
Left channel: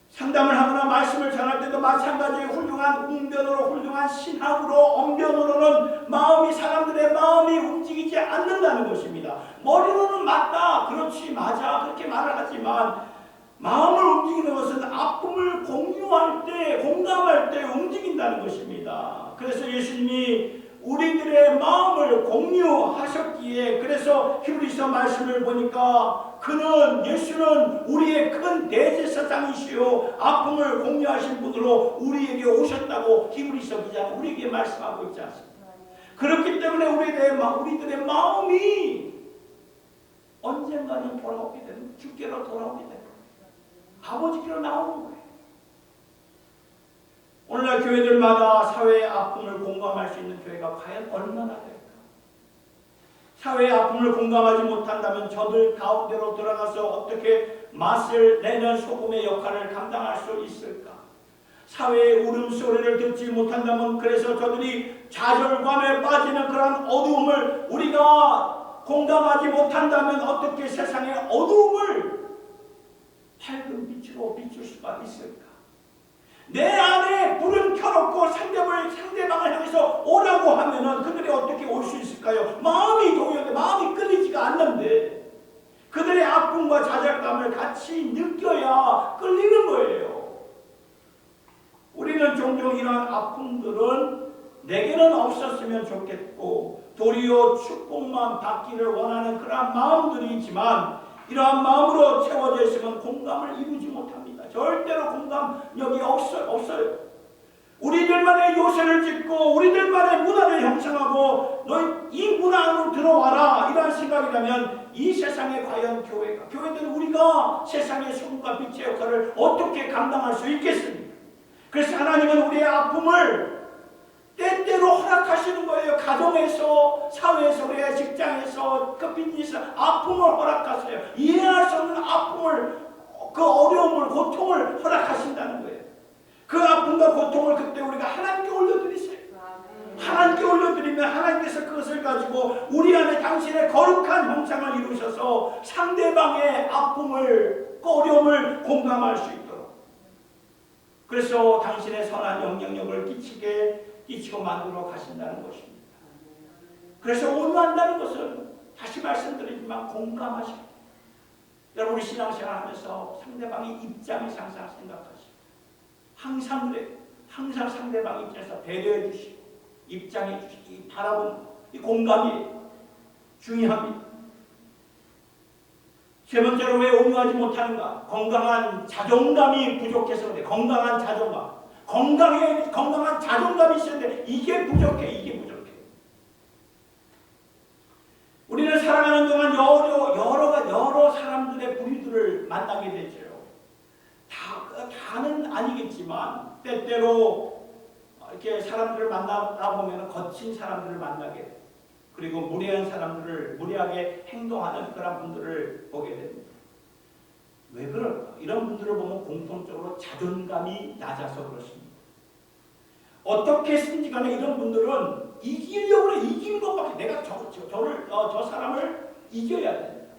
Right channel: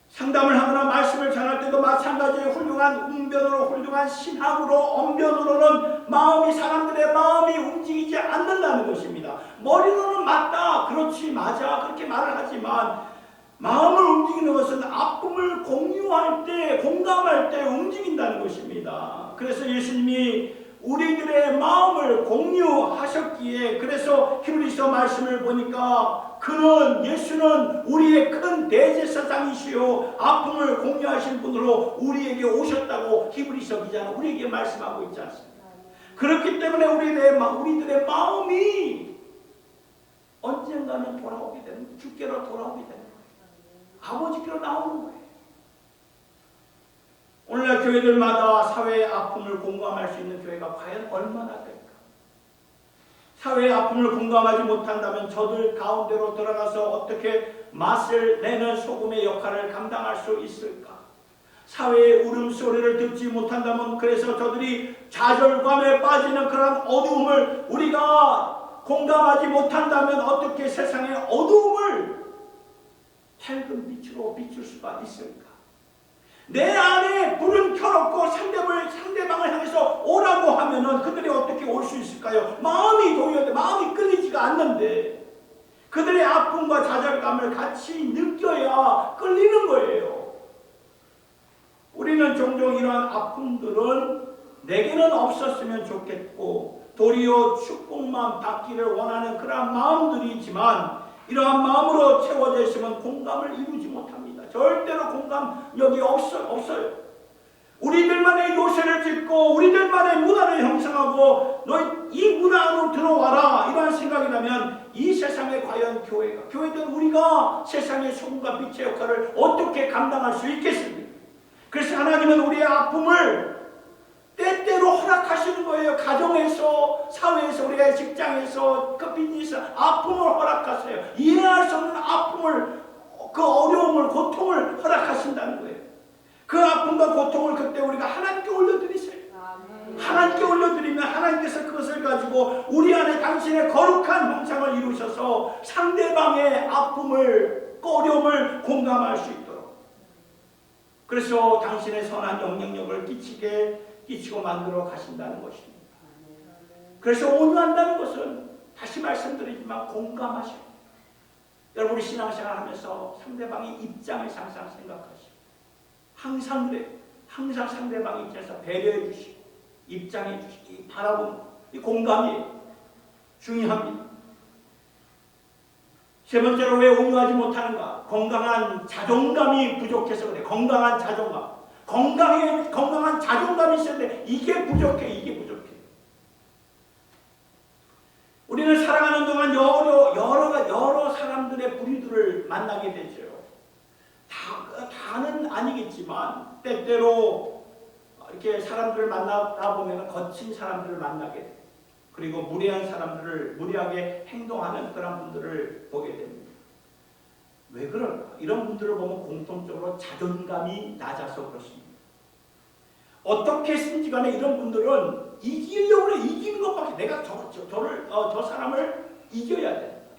상담을 하거나 말씀을 전할 때도 마찬가지의 훌륭한 웅변으로, 훌륭한 신학으로, 언변으로는 사람들의 마음이 움직이지 않는다는 것입니다. 머리로는 맞다, 그렇지, 맞아, 그렇게 말을 하지만 마음을 움직이는 것은 아픔을 공유할 때, 공감할 때 움직인다는 것입니다. 그래서 예수님이 우리들의 마음을 공유하셨기에, 그래서 히브리서 말씀을 보니까 예수는 우리의 큰 대제사장이시요 아픔을 공유하신 분으로 우리에게 오셨다고 히브리서 기자는 우리에게 말씀하고 있지 않습니까? 그렇기 때문에 우리들의 마음이 언젠가는 돌아오게 되는, 주께로 돌아오게 되는, 아버지께로 나오는 거예요. 오늘날 교회들마다 사회의 아픔을 공감할 수 있는 교회가 과연 얼마나 될까? 사회의 아픔을 공감하지 못한다면 저들 가운데로 들어가서 어떻게 맛을 내는 소금의 역할을 감당할 수 있을까? 사회의 울음소리를 듣지 못한다면, 그래서 저들이 좌절감에 빠지는 그런 어두움을 우리가 공감하지 못한다면 어떻게 세상의 어두움을 밝은 빛으로 비출 수가 있을까? 내 안에 불은 켜놓고 상대방을 향해서 오라고 하면은 그들이 어떻게 올 수 있을까요? 마음이 동요돼, 마음이 끌리지가 않는데 그들의 아픔과 좌절감을 같이 느껴야 끌리는 거예요. 우리는 종종 이러한 아픔들은 내게는 없었으면 좋겠고 도리어 축복만 받기를 원하는 그러한 마음들이지만, 이러한 마음으로 채워져 있으면 공감을 이루지 못합니다. 절대로 공감력이 없어요. 우리들만의 요새를 짓고 우리들만의 문화를 형성하고 너희 이 문화 안으로 들어와라, 이러한 생각이라면 이 세상에 과연 교회든 우리가 세상의 소금과 빛의 역할을 어떻게 감당할 수 있겠습니까? 그래서 하나님은 우리의 아픔을 때때로 허락하시는 거예요. 가정에서, 사회에서, 우리의 직장에서, 그 비즈니스 아픔을 허락하세요. 이해할 수 없는 아픔을, 그 어려움을, 고통을 허락하신다는 거예요. 그 아픔과 고통을 그때 우리가 하나님께 올려드리세요. 하나님께 올려드리면 하나님께서 그것을 가지고 우리 안에 당신의 거룩한 형상을 이루셔서 상대방의 아픔을, 어려움을 공감할 수 있도록, 그래서 당신의 선한 영향력을 끼치고 만들어 가신다는 것입니다. 그래서 온유한다는 것은 다시 말씀드리지만 공감하시고, 여러분 우리 신앙생활 하면서 상대방의 입장에서 항상 생각하시고, 항상 그래요. 항상 상대방 입장에서 배려해 주시고 입장해 주시고 바라보는 이 공감이 중요합니다. 세 번째로 왜 온유하지 못하는가? 건강한 자존감이 부족해서 그래. 건강한 자존감. 건강한 자존감이 있었는데 이게 부족해. 우리는 살아가는 동안 여러 사람들의 부류들을 만나게 되죠. 다는 아니겠지만 때때로 이렇게 사람들을 만나다 보면 거친 사람들을 만나게 돼요. 그리고 무례하게 행동하는 그런 분들을 보게 됩니다. 왜 그럴까? 이런 분들을 보면 공통적으로 자존감이 낮아서 그렇습니다. 어떻게 했든지 간에 이런 분들은 이기려고 해. 이기는 것밖에, 내가 저 사람을 이겨야 돼.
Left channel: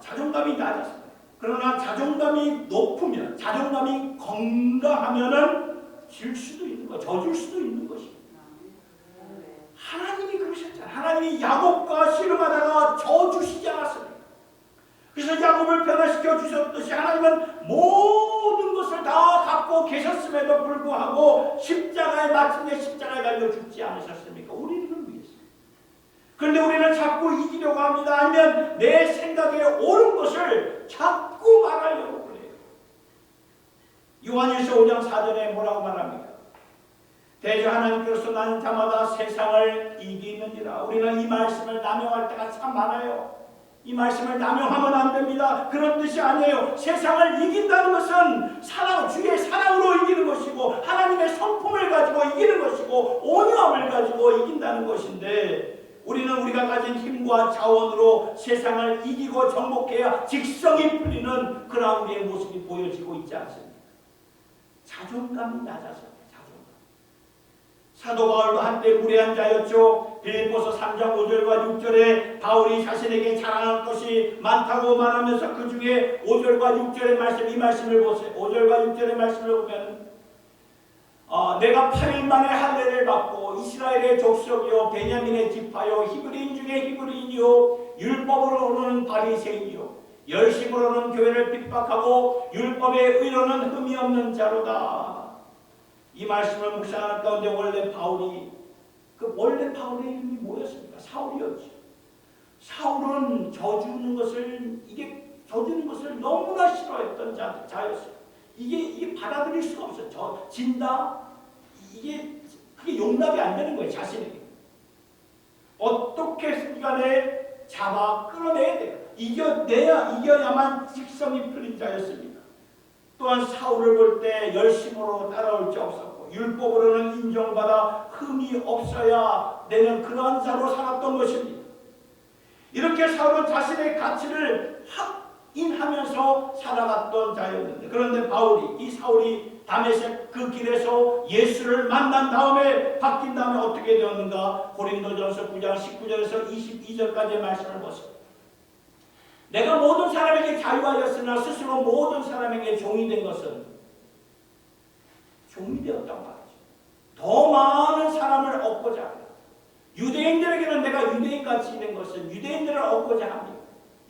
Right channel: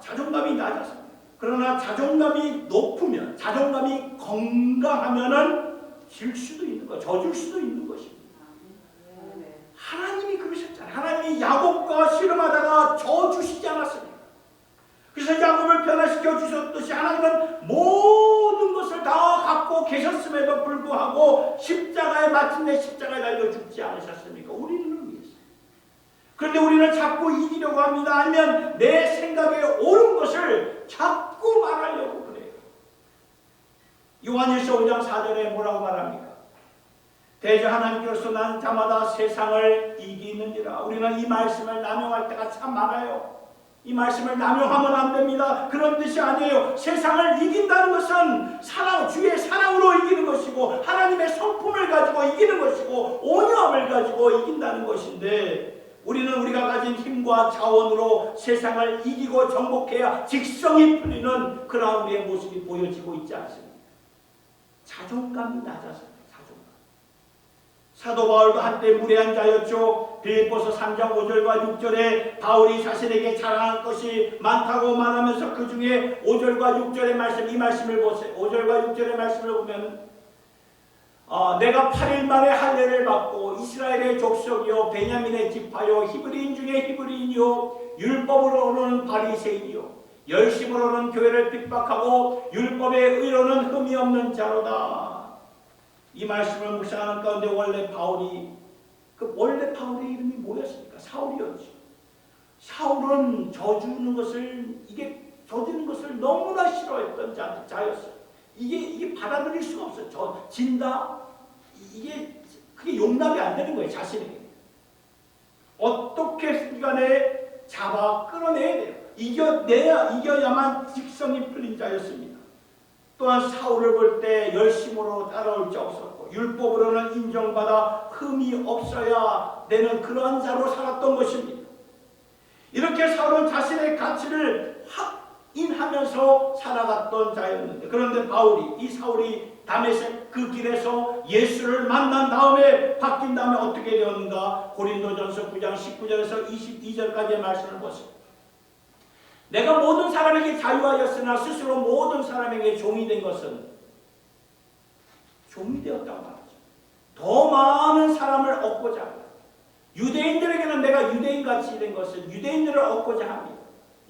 자존감이 낮아서. 그러나 자존감이 높으면, 자존감이 건강하면은 질 수도 있는 거, 져줄 수도 있는 것입니다. 하나님이 그러셨잖아요. 하나님이 야곱과 씨름하다가 져주시지 않았습니까? 그래서 야곱을 변화시켜 주셨듯이 하나님은 모든 것을 다 갖고 계셨음에도 불구하고 마침내 십자가에 달려 죽지 않으셨습니까? 우리를 위해서. 그런데 우리는 자꾸 이기려고 합니다. 아니면 내 생각에 옳은 것을 자꾸 말하려고 그래요. 요한일서 5장 4절에 뭐라고 말합니까? 대저 하나님께서 나는 자마다 세상을 이기느니라. 우리는 이 말씀을 남용할 때가 참 많아요. 이 말씀을 남용하면 안 됩니다. 그런 뜻이 아니에요. 세상을 이긴다는 것은 주의 사랑으로 이기는 것이고, 하나님의 성품을 가지고 이기는 것이고, 온유함을 가지고 이긴다는 것인데, 우리는 우리가 가진 힘과 자원으로 세상을 이기고 정복해야 직성이 풀리는 그런 우리의 모습이 보여지고 있지 않습니까? 자존감이 낮아서. 사도 바울도 한때 무례한 자였죠. 빌립보서 3장 5절과 6절에 바울이 자신에게 자랑할 것이 많다고 말하면서 그 중에 5절과 6절의 말씀, 이 말씀을 보세요. 5절과 6절의 말씀을 보면 내가 8일 만에 할례를 받고 이스라엘의 족속이요 베냐민의 지파요 히브리인 중에 히브리인이요 율법으로는 바리새인이요 열심으로는 교회를 핍박하고 율법의 의로는 흠이 없는 자로다. 이 말씀을 묵상하는 가운데 원래 바울의 이름이 뭐였습니까? 사울이었죠. 사울은 저주는 것을 너무나 싫어했던 자였어요. 이게 받아들일 수가 없어요. 진다? 그게 용납이 안 되는 거예요, 자신에게. 어떻게 간에 잡아 끌어내야 돼요. 이겨야만 직성이 풀린 자였습니다. 또한 사울을 볼 때 열심으로 따라올 자 없었고 율법으로는 인정받아 흠이 없어야 되는 그러한 자로 살았던 것입니다. 이렇게 사울은 자신의 가치를 인하면서 살아갔던 자였는데, 그런데 이 사울이 다메섹 그 길에서 예수를 만난 다음에 바뀐 다음에 어떻게 되었는가? 고린도전서 9장 19절에서 22절까지의 말씀을 보세요. 내가 모든 사람에게 자유하였으나 스스로 모든 사람에게 종이 된 것은 종이 되었단 말이죠. 더 많은 사람을 얻고자 합니다. 유대인들에게는 내가 유대인같이 된 것은 유대인들을 얻고자 합니다.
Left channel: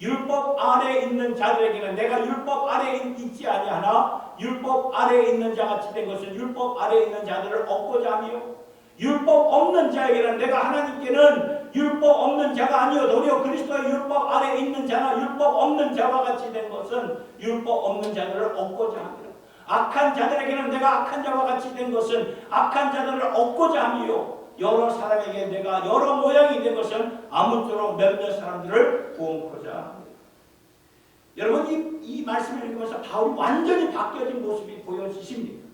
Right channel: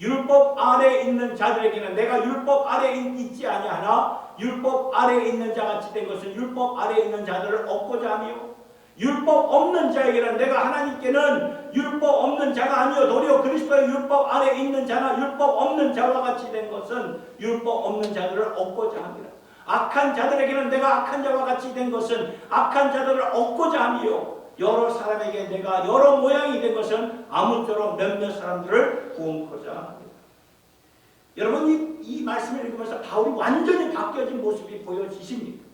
율법 아래에 있는 자들에게는 내가 율법 아래에 있지 아니하나 율법 아래에 있는 자같이 된 것은 율법 아래에 있는 자들을 얻고자 하며, 율법 없는 자에게는 내가 하나님께는 율법 없는 자가 아니요 도리어 그리스도의 율법 아래에 있는 자나 율법 없는 자와 같이 된 것은 율법 없는 자들을 얻고자 합니다. 악한 자들에게는 내가 악한 자와 같이 된 것은 악한 자들을 얻고자 하며, 여러 사람에게 내가 여러 모양이 된 것은 아무쪼록 몇몇 사람들을 구원코자 합니다. 여러분, 이 말씀을 읽으면서 바울이 완전히 바뀌어진 모습이 보여지십니까?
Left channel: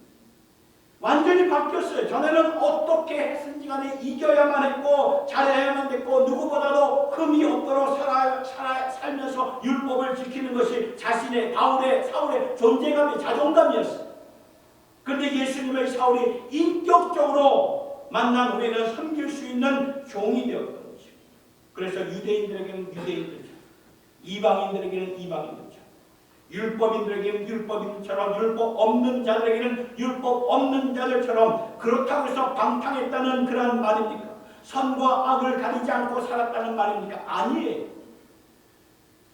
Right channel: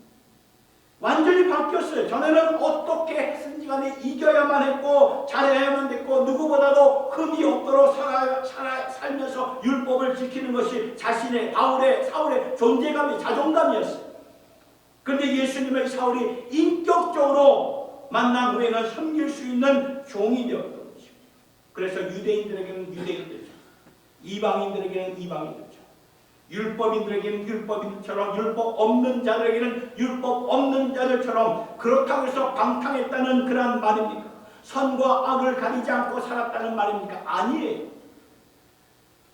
완전히 바뀌었어요. 전에는 어떻게 했든지 간에 이겨야만 했고 잘해야만 됐고 누구보다도 흠이 없도록 살면서 율법을 지키는 것이 사울의 존재감이 자존감이었어요. 그런데 예수님을 사울이 인격적으로 만난 후에는 섬길 수 있는 종이 되었던 것입니다. 그래서 유대인들에게는 유대인들처럼, 이방인들에게는 이방인들처럼, 율법인들에게는 율법인들처럼, 율법 없는 자들에게는 율법 없는 자들처럼, 그렇다고 해서 방탕했다는 그런 말입니까? 선과 악을 가리지 않고 살았다는 말입니까? 아니에요.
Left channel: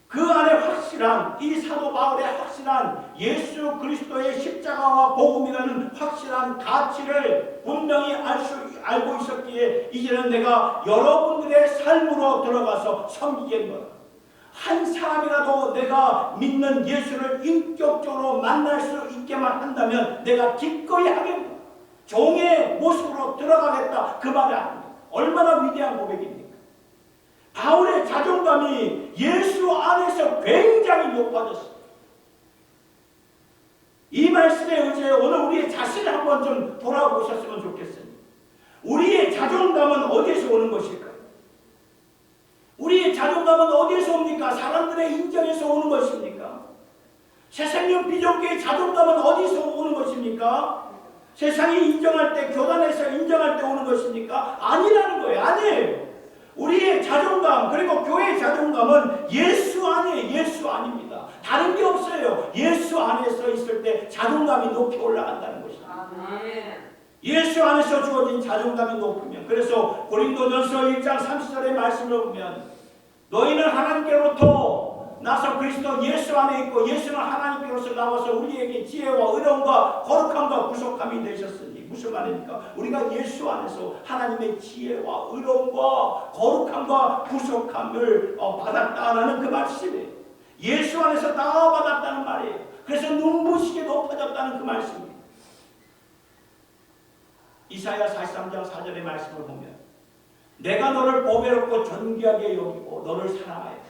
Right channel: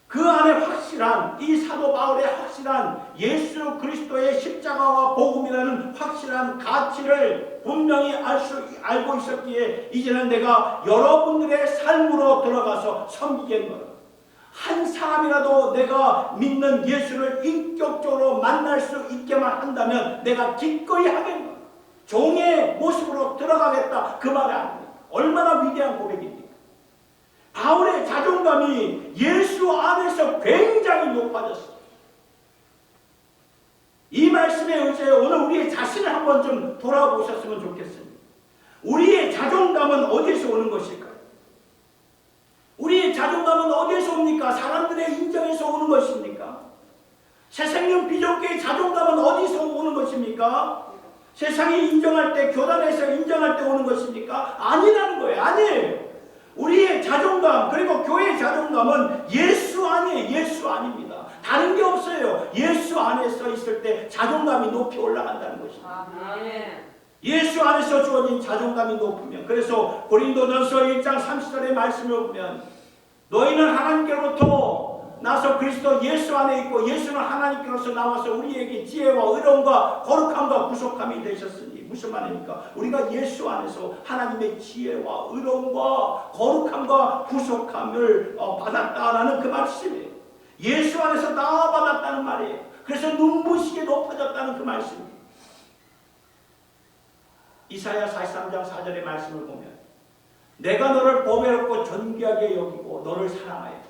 그 안에 확실한, 이 사도 바울의 확실한 예수 그리스도의 십자가와 복음이라는 확실한 가치를 분명히 알고 있었기에 이제는 내가 여러분들의 삶으로 들어가서 섬기겠노라. 한 사람이라도 내가 믿는 예수를 인격적으로 만날 수 있게만 한다면 내가 기꺼이 하겠노라. 종의 모습으로 들어가겠다, 그 말이 아닙니다. 얼마나 위대한 고백입니까? 바울의 자존감이 예수 안에서 굉장히 높아졌습니다. 이 말씀에 의지하여 오늘 우리의 자신을 한번 좀 돌아보셨으면 좋겠습니다. 우리의 자존감은 어디에서 오는 것일까요? 우리의 자존감은 어디에서 옵니까? 사람들의 인정에서 오는 것입니까? 새생명 비전교회의 자존감은 어디서 오는 것입니까? 세상이 인정할 때, 교단에서 인정할 때 오는 것입니까? 아니라는 거예요. 아니에요. 우리의 자존감, 그리고 교회의 자존감은 예수 안에 예수 안입니다. 다른 게 없어요. 예수 안에서 있을 때 자존감이 높이 올라간다는 것입니다. 예수 안에서 주어진 자존감이 높으면, 그래서 고린도전서 1장 30절의 말씀을 보면 너희는 하나님께로부터 나서 그리스도 예수 안에 있고 예수는 하나님께로서 나와서 우리에게 지혜와 의로움과 거룩함과 구속함이 되셨으니, 무슨 말입니까? 우리가 예수 안에서 하나님의 지혜와 의로움과 거룩함과 구속함을 받았다라는 그 말씀이에요. 예수 안에서 다 받았다는 말이에요. 그래서 눈부시게 높아졌다는 그 말씀이에요. 이사야 43장 4절의 말씀을 보면 내가 너를 보배롭고 존귀하게 여기고 너를 사랑하였다.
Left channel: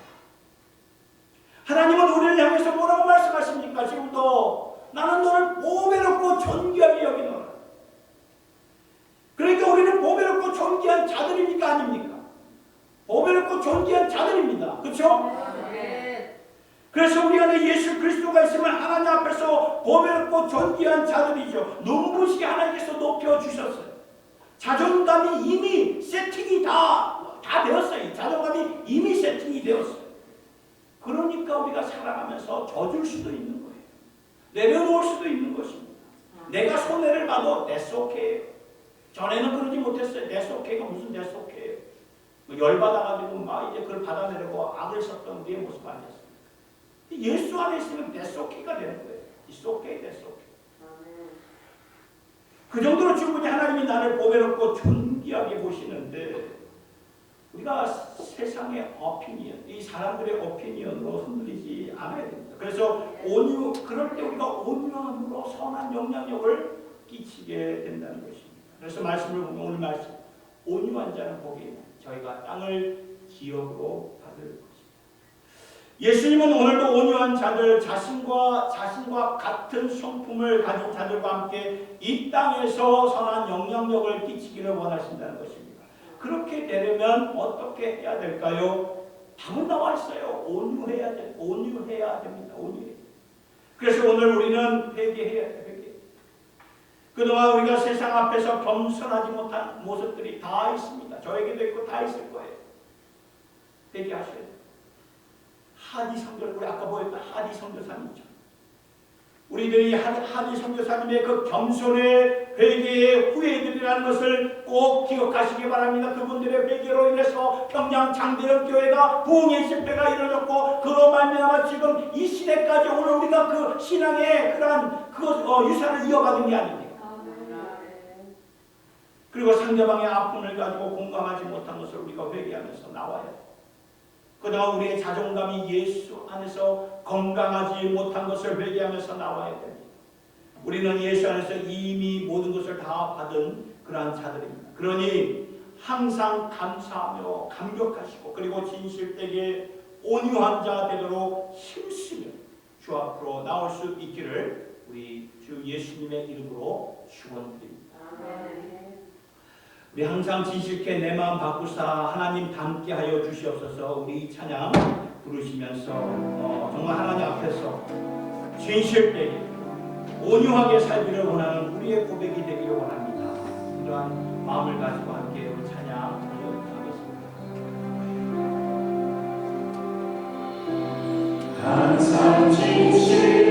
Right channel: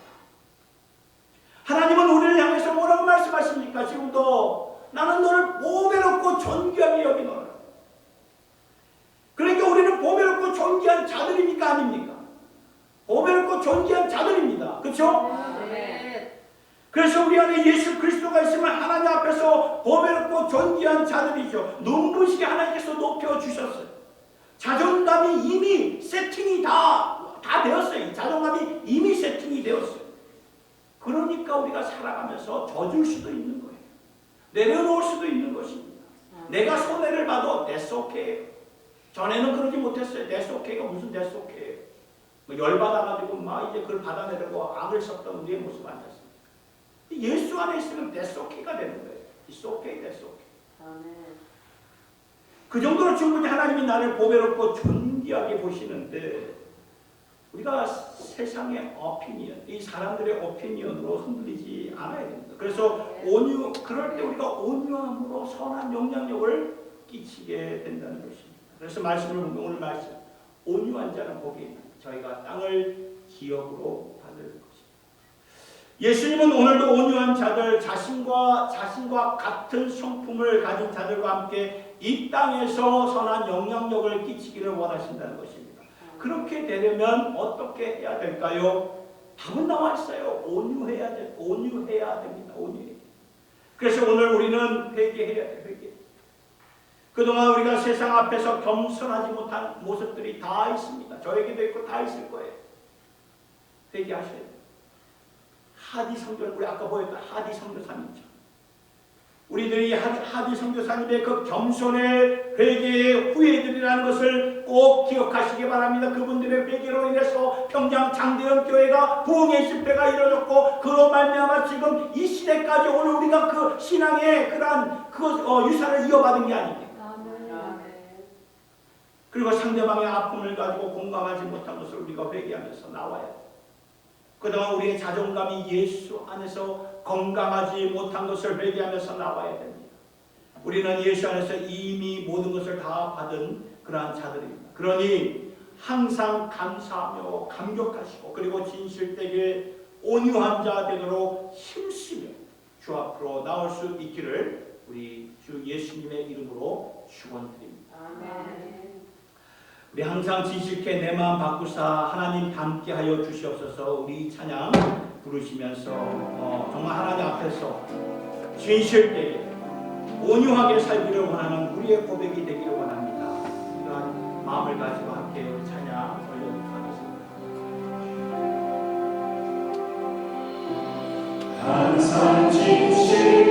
하나님은 우리를 향해서 뭐라고 말씀하십니까? 지금도 나는 너를 보배롭고 존귀하게 여기노라. 그러니까 우리는 보배롭고 존귀한 자들입니까? 아닙니까? 보배롭고 존귀한 자들입니다. 그렇죠? 네. 그래서 우리 안에 예수 그리스도가 있으면 하나님 앞에서 보배롭고 존귀한 자들이죠. 눈부시게 하나님께서 높여주셨어요. 자존감이 이미 세팅이 다 되었어요. 자존감이 이미 세팅이 되었어요. 그러니까 우리가 살아가면서 져줄 수도 있는 거예요. 내려놓을 수도 있는 것입니다. 내가 손해를 봐도 that's okay. 전에는 그러지 못했어요. that's okay가 무슨 that's okay. 열받아가지고 막 이제 그걸 받아내려고 악을 썼던 우리의 모습 아니었습니까? 예수 안에 있으면 that's okay가 되는 거예요. It's okay, that's okay. 그 정도로 충분히 하나님이 나를 보배롭고 존귀하게 보시는데, 우리가 세상의 오피니언, 이 사람들의 오피니언으로 흔들리지 않아야 됩니다. 그래서 그럴 때 우리가 온유함으로 선한 영향력을 끼치게 된다는 것입니다. 그래서 말씀을 보면 오늘 말씀, 온유한 자는 복이 있는 저희가 땅을 기업으로 받을 것입니다. 예수님은 오늘도 온유한 자들, 자신과 같은 성품을 가진 자들과 함께 이 땅에서 선한 영향력을 끼치기를 원하신다는 것입니다. 그렇게 되려면 어떻게 해야 될까요? 답은 나와 있어요. 온유해야 됩니다. 온유해야 돼. 그래서 오늘 우리는 회개해야 돼. 회개. 그동안 우리가 세상 앞에서 겸손하지 못한 모습들이 다 있습니다. 저에게도 있고 다 있을 거예요. 회개하셔야 돼요. 하디 선교, 우리 아까 보였던 하디 선교사님이죠. 우리들이 하디 선교사님의 그 겸손의 회개의 후예들이라는 것을 꼭 기억하시기 바랍니다. 그분들의 회개로 인해서 평양 장대현 교회가 부흥의 집회가 이루어졌고, 그로 말미암아 지금 이 시대까지 오늘 우리가 그 신앙의 그러한 유산을 이어받은 게 아닙니까? 그리고 상대방의 아픔을 가지고 공감하지 못한 것을 우리가 회개하면서 나와야 돼요. 그동안 우리의 자존감이 예수 안에서 건강하지 못한 것을 회개하면서 나와야 됩니다. 우리는 예수 안에서 이미 모든 것을 다 받은 그러한 자들입니다. 그러니 항상 감사하며 감격하시고, 그리고 진실되게 온유한 자 되도록 힘쓰며 주 앞으로 나올 수 있기를 우리 주 예수님의 이름으로 축원드립니다. 아멘. 우리 항상 진실케 내 마음 바꾸사 하나님 닮게 하여 주시옵소서. 우리 찬양 부르시면서 정말 하나님 앞에서 진실되게 온유하게 살기를 원하는 우리의 고백이 되기를 원합니다. 이러한 마음을 가지고 함께 우리 찬양 올려드리겠습니다. 항상 진실해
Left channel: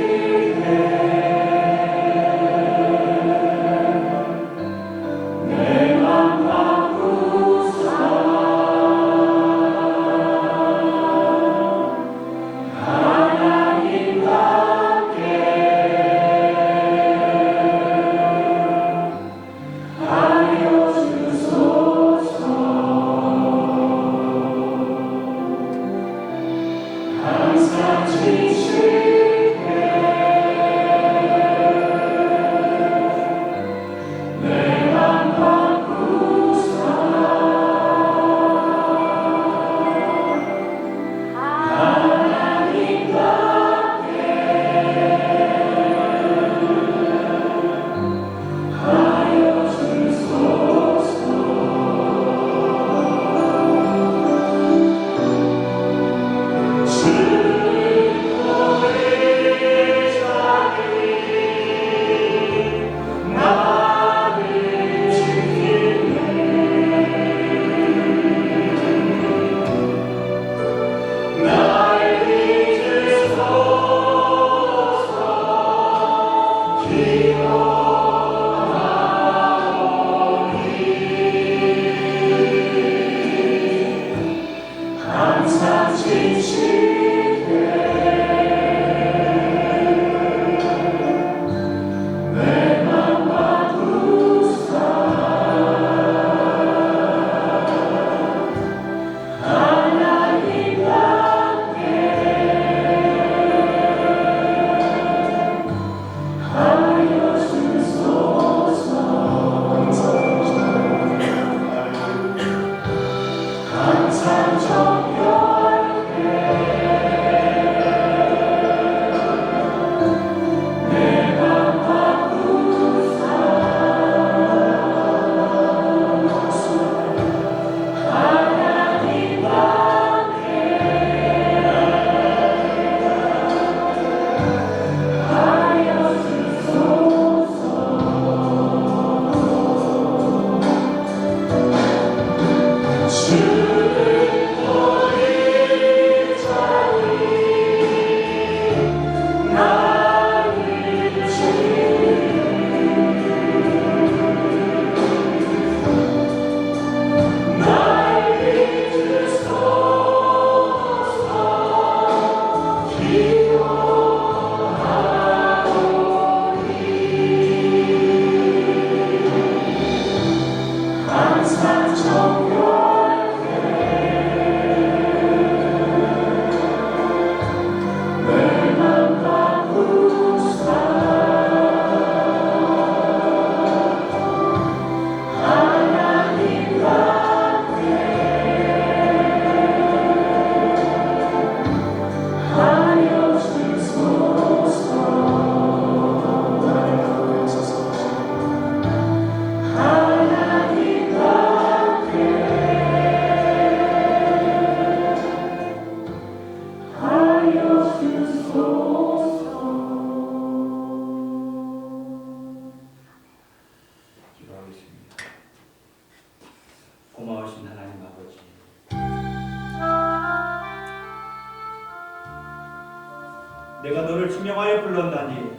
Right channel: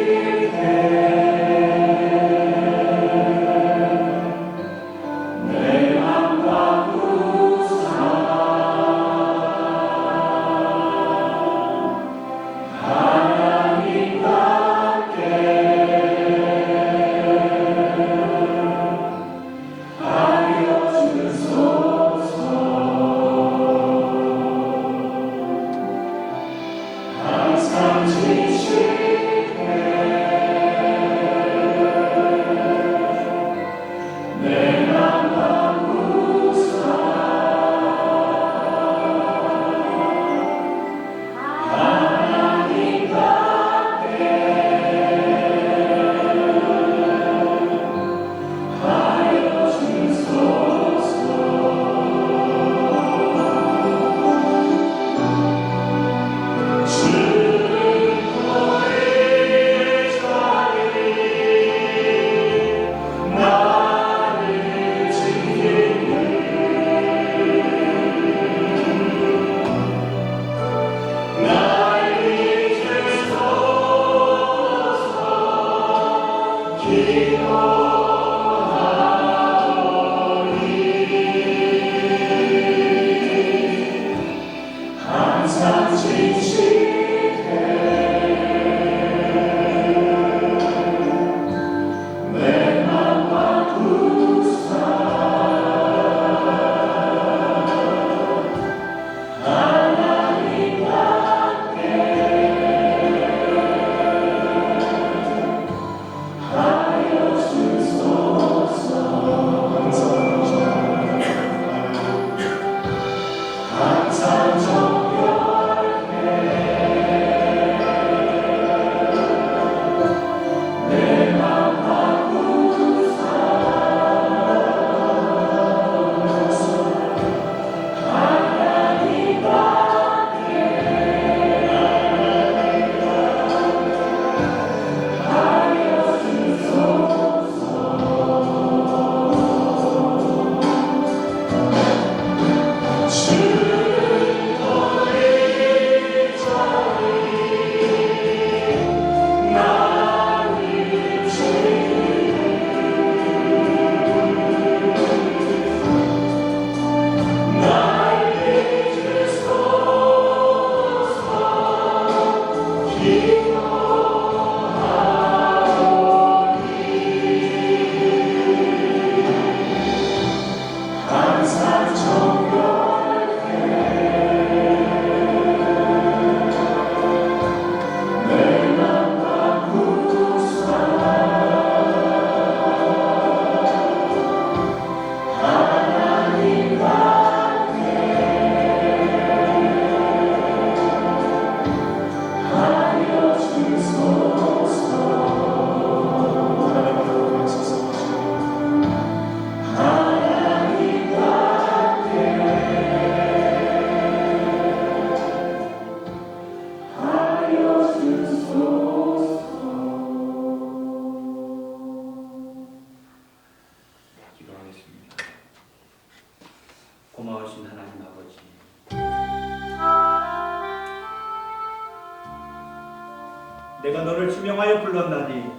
지명하여 불렀나니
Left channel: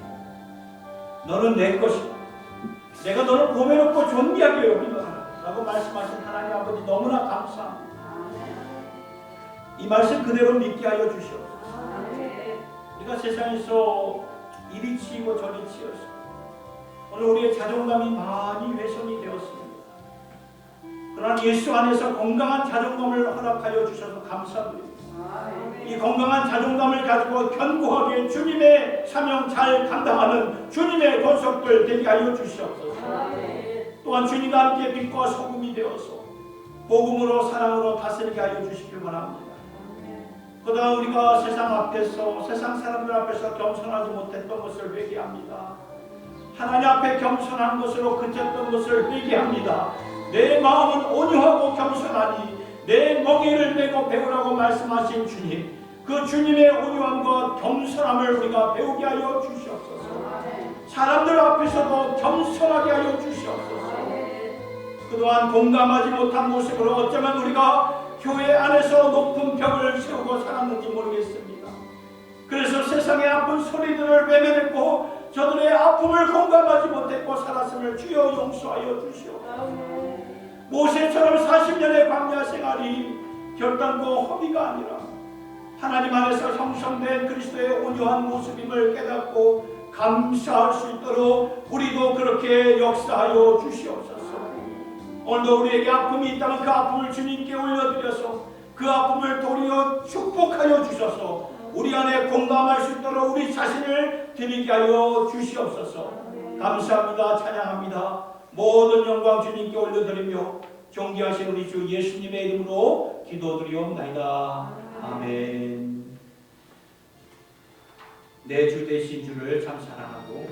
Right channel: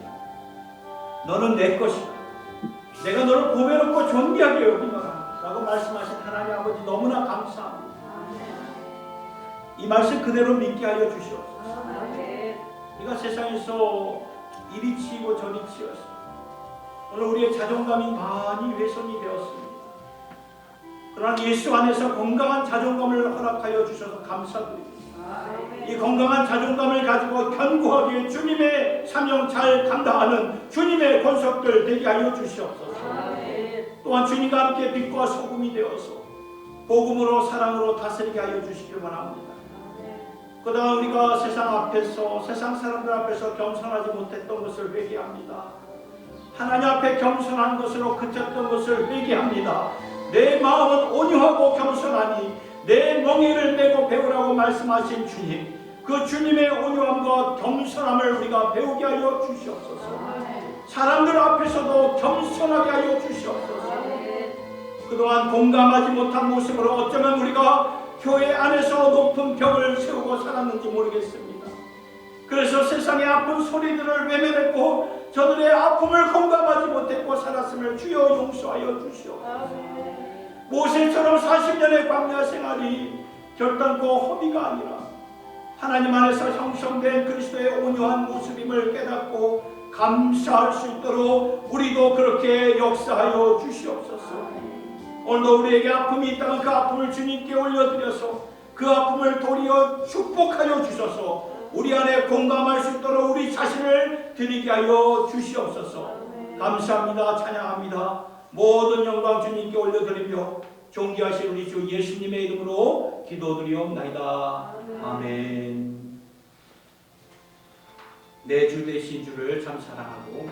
너는 내 것이다. 내가 너를 보배롭고 존귀하게 여기노라 라고 말씀하신 하나님 아버지 너무나 감사합니다. 이 말씀 그대로 믿게 하여 주시옵소서. 우리가 세상에서 이리 치이고 저리 치였습니다. 오늘 우리의 자존감이 많이 훼손이 되었습니다. 그러나 예수 안에서 건강한 자존감을 허락하여 주셔서 감사드립니다. 이 건강한 자존감을 가지고 견고하게 주님의 사명 잘 감당하는 주님의 권속들 되게 하여 주시옵소서. 또한 주님과 함께 빛과 소금이 되어서 복음으로 사랑으로 다스리게 하여 주시길 바랍니다. 그동안 우리가 세상 앞에서 세상 사람들 앞에서 겸손하지 못했던 것을 회개합니다. 하나님 앞에 겸손한 것으로 그쳤던 것을 회개합니다. 내 마음은 온유하고 겸손하니 내 멍에를 메고 배우라고 말씀하신 주님, 그 주님의 온유함과 겸손함을 우리가 배우게 하여 주시옵소서. 사람들 앞에서도 겸손하게 하여 주시옵소서. 그동안 공감하지 못한 모습으로 어쩌면 우리가 교회 안에서 높은 벽을 세우고 살았는지 모르겠습니다. 그래서 세상의 아픈 소리들을 외면했고 저들의 아픔을 공감하지 못했고 살았음을 주여 용서하여 주시옵소서. 모세처럼 40년의 광야 생활이 결단코 허비가 아니라 하나님 안에서 형성된 그리스도의 온유한 모습임을 깨닫고 감사할 수 있도록 우리도 그렇게 역사하여 주시옵소서. 오늘도 우리에게 아픔이 있다면 그 아픔을 주님께 올려드려서 그 아픔을 도리어 축복하여 주셔서 우리 안에 공감할 수 있도록 우리 자신을 드리게 하여 주시옵소서. 감사합니다. 찬양합니다. 모든 영광 주님께 올려드리며 존귀하신 우리 주 예수님의 이름으로 기도드리옵나이다. 아멘. 내 주 되신 주를 참 사랑하고